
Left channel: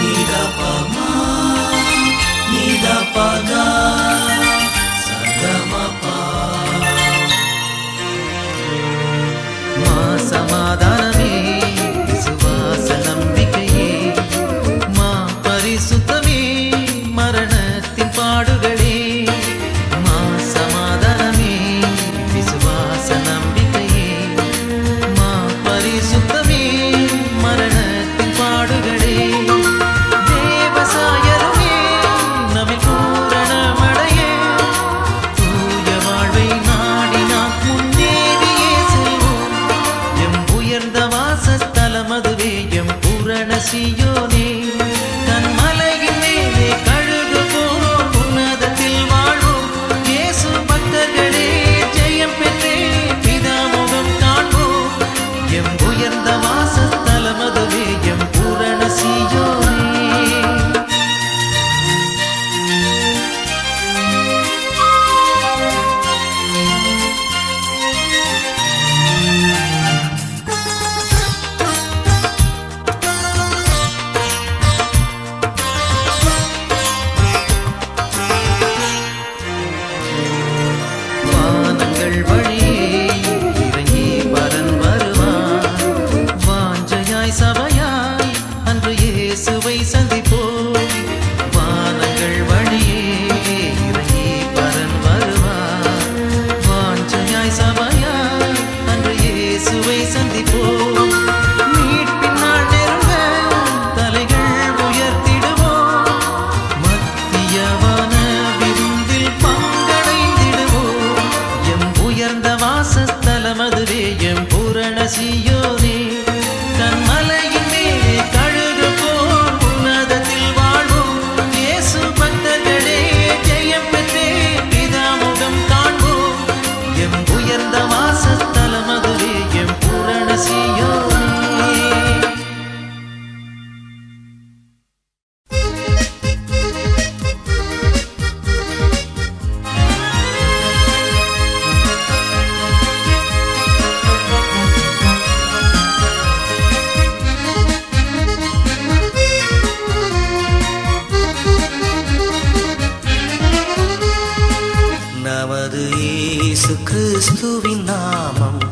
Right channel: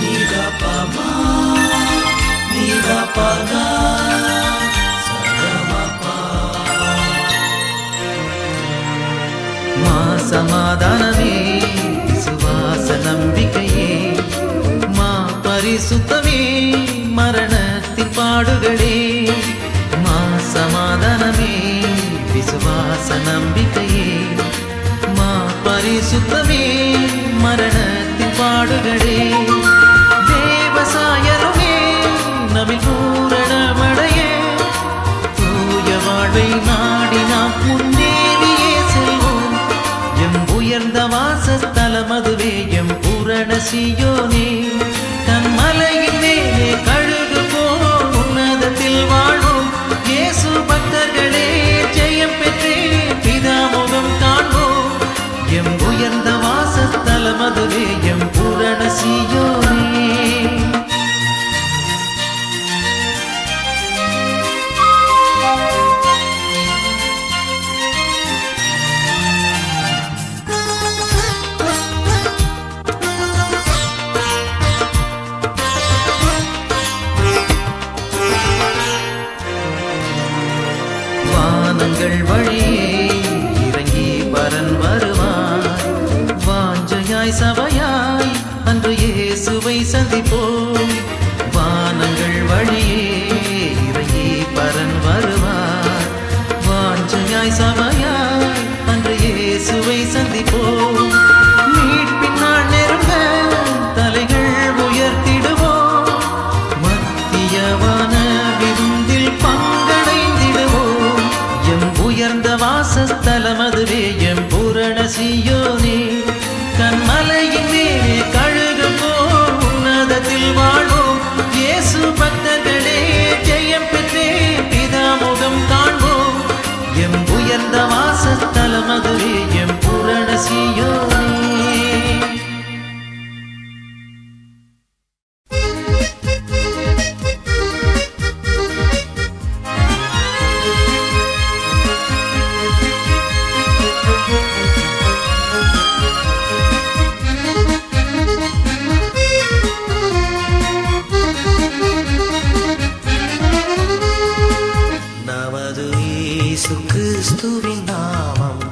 நீலபமா நீலபகா சமாதானமே விசுவாச நம்பிக்கையே, மா பரிசுத்தமே மரணத்தின் பாடுகளே. மா சமாதானமே விசுவாச நம்பிக்கையே, மா பரிசுத்தமே மரணத்தின் பாடுகளே. தேவசாயருமே நம்மில் பூரணமடைய தூய வாழ்வை நாடி நாம் முன்னேறியே செல்வோம். எம் உயர்ந்த வாசஸ்தலமதுவே எம் பூரண சீயோனே, கண்மலையின் மேலே கழுகு போல் உன்னதத்தில் வாழ்வோம். இயேசு பக்தர்களே ஜெயம் பெற்றே பிதாமுகம் காண்போம். எம் உயர்ந்த வாசஸ்தலமதுவே எம் பூரண சீயோனே. வழியே இறங்கி பரன் வருவார். வாஞ்சையாய் சபையாய் அன்று இயேசுவை சந்திப்போம். வானங்கள் வழியே இறங்கி பரன் வருவார். வாஞ்சையாய் சபையாய் அன்று இயேசுவை சந்திப்போம். மீட்பின் நாள் நெருங்க தலைகள் உயர்த்திடுவோம். மத்தியவான விருந்தில் பங்கடைந்திடுவோம். எம் உயர்ந்த வாசஸ்தலமதுவே எம் பூரண சீயோனே, கண்மலையின் மேலே கழுகு போல் உன்னதத்தில் வாழ்வோம். இயேசு பக்தர்களே ஜெயம் பெற்றே பிதாமுகம் காண்போம். எம் உயர்ந்த வாசஸ்தலமதுவே எம் பூரண சீயோனே. இயேசு கிறிஸ்துவின் நாமம்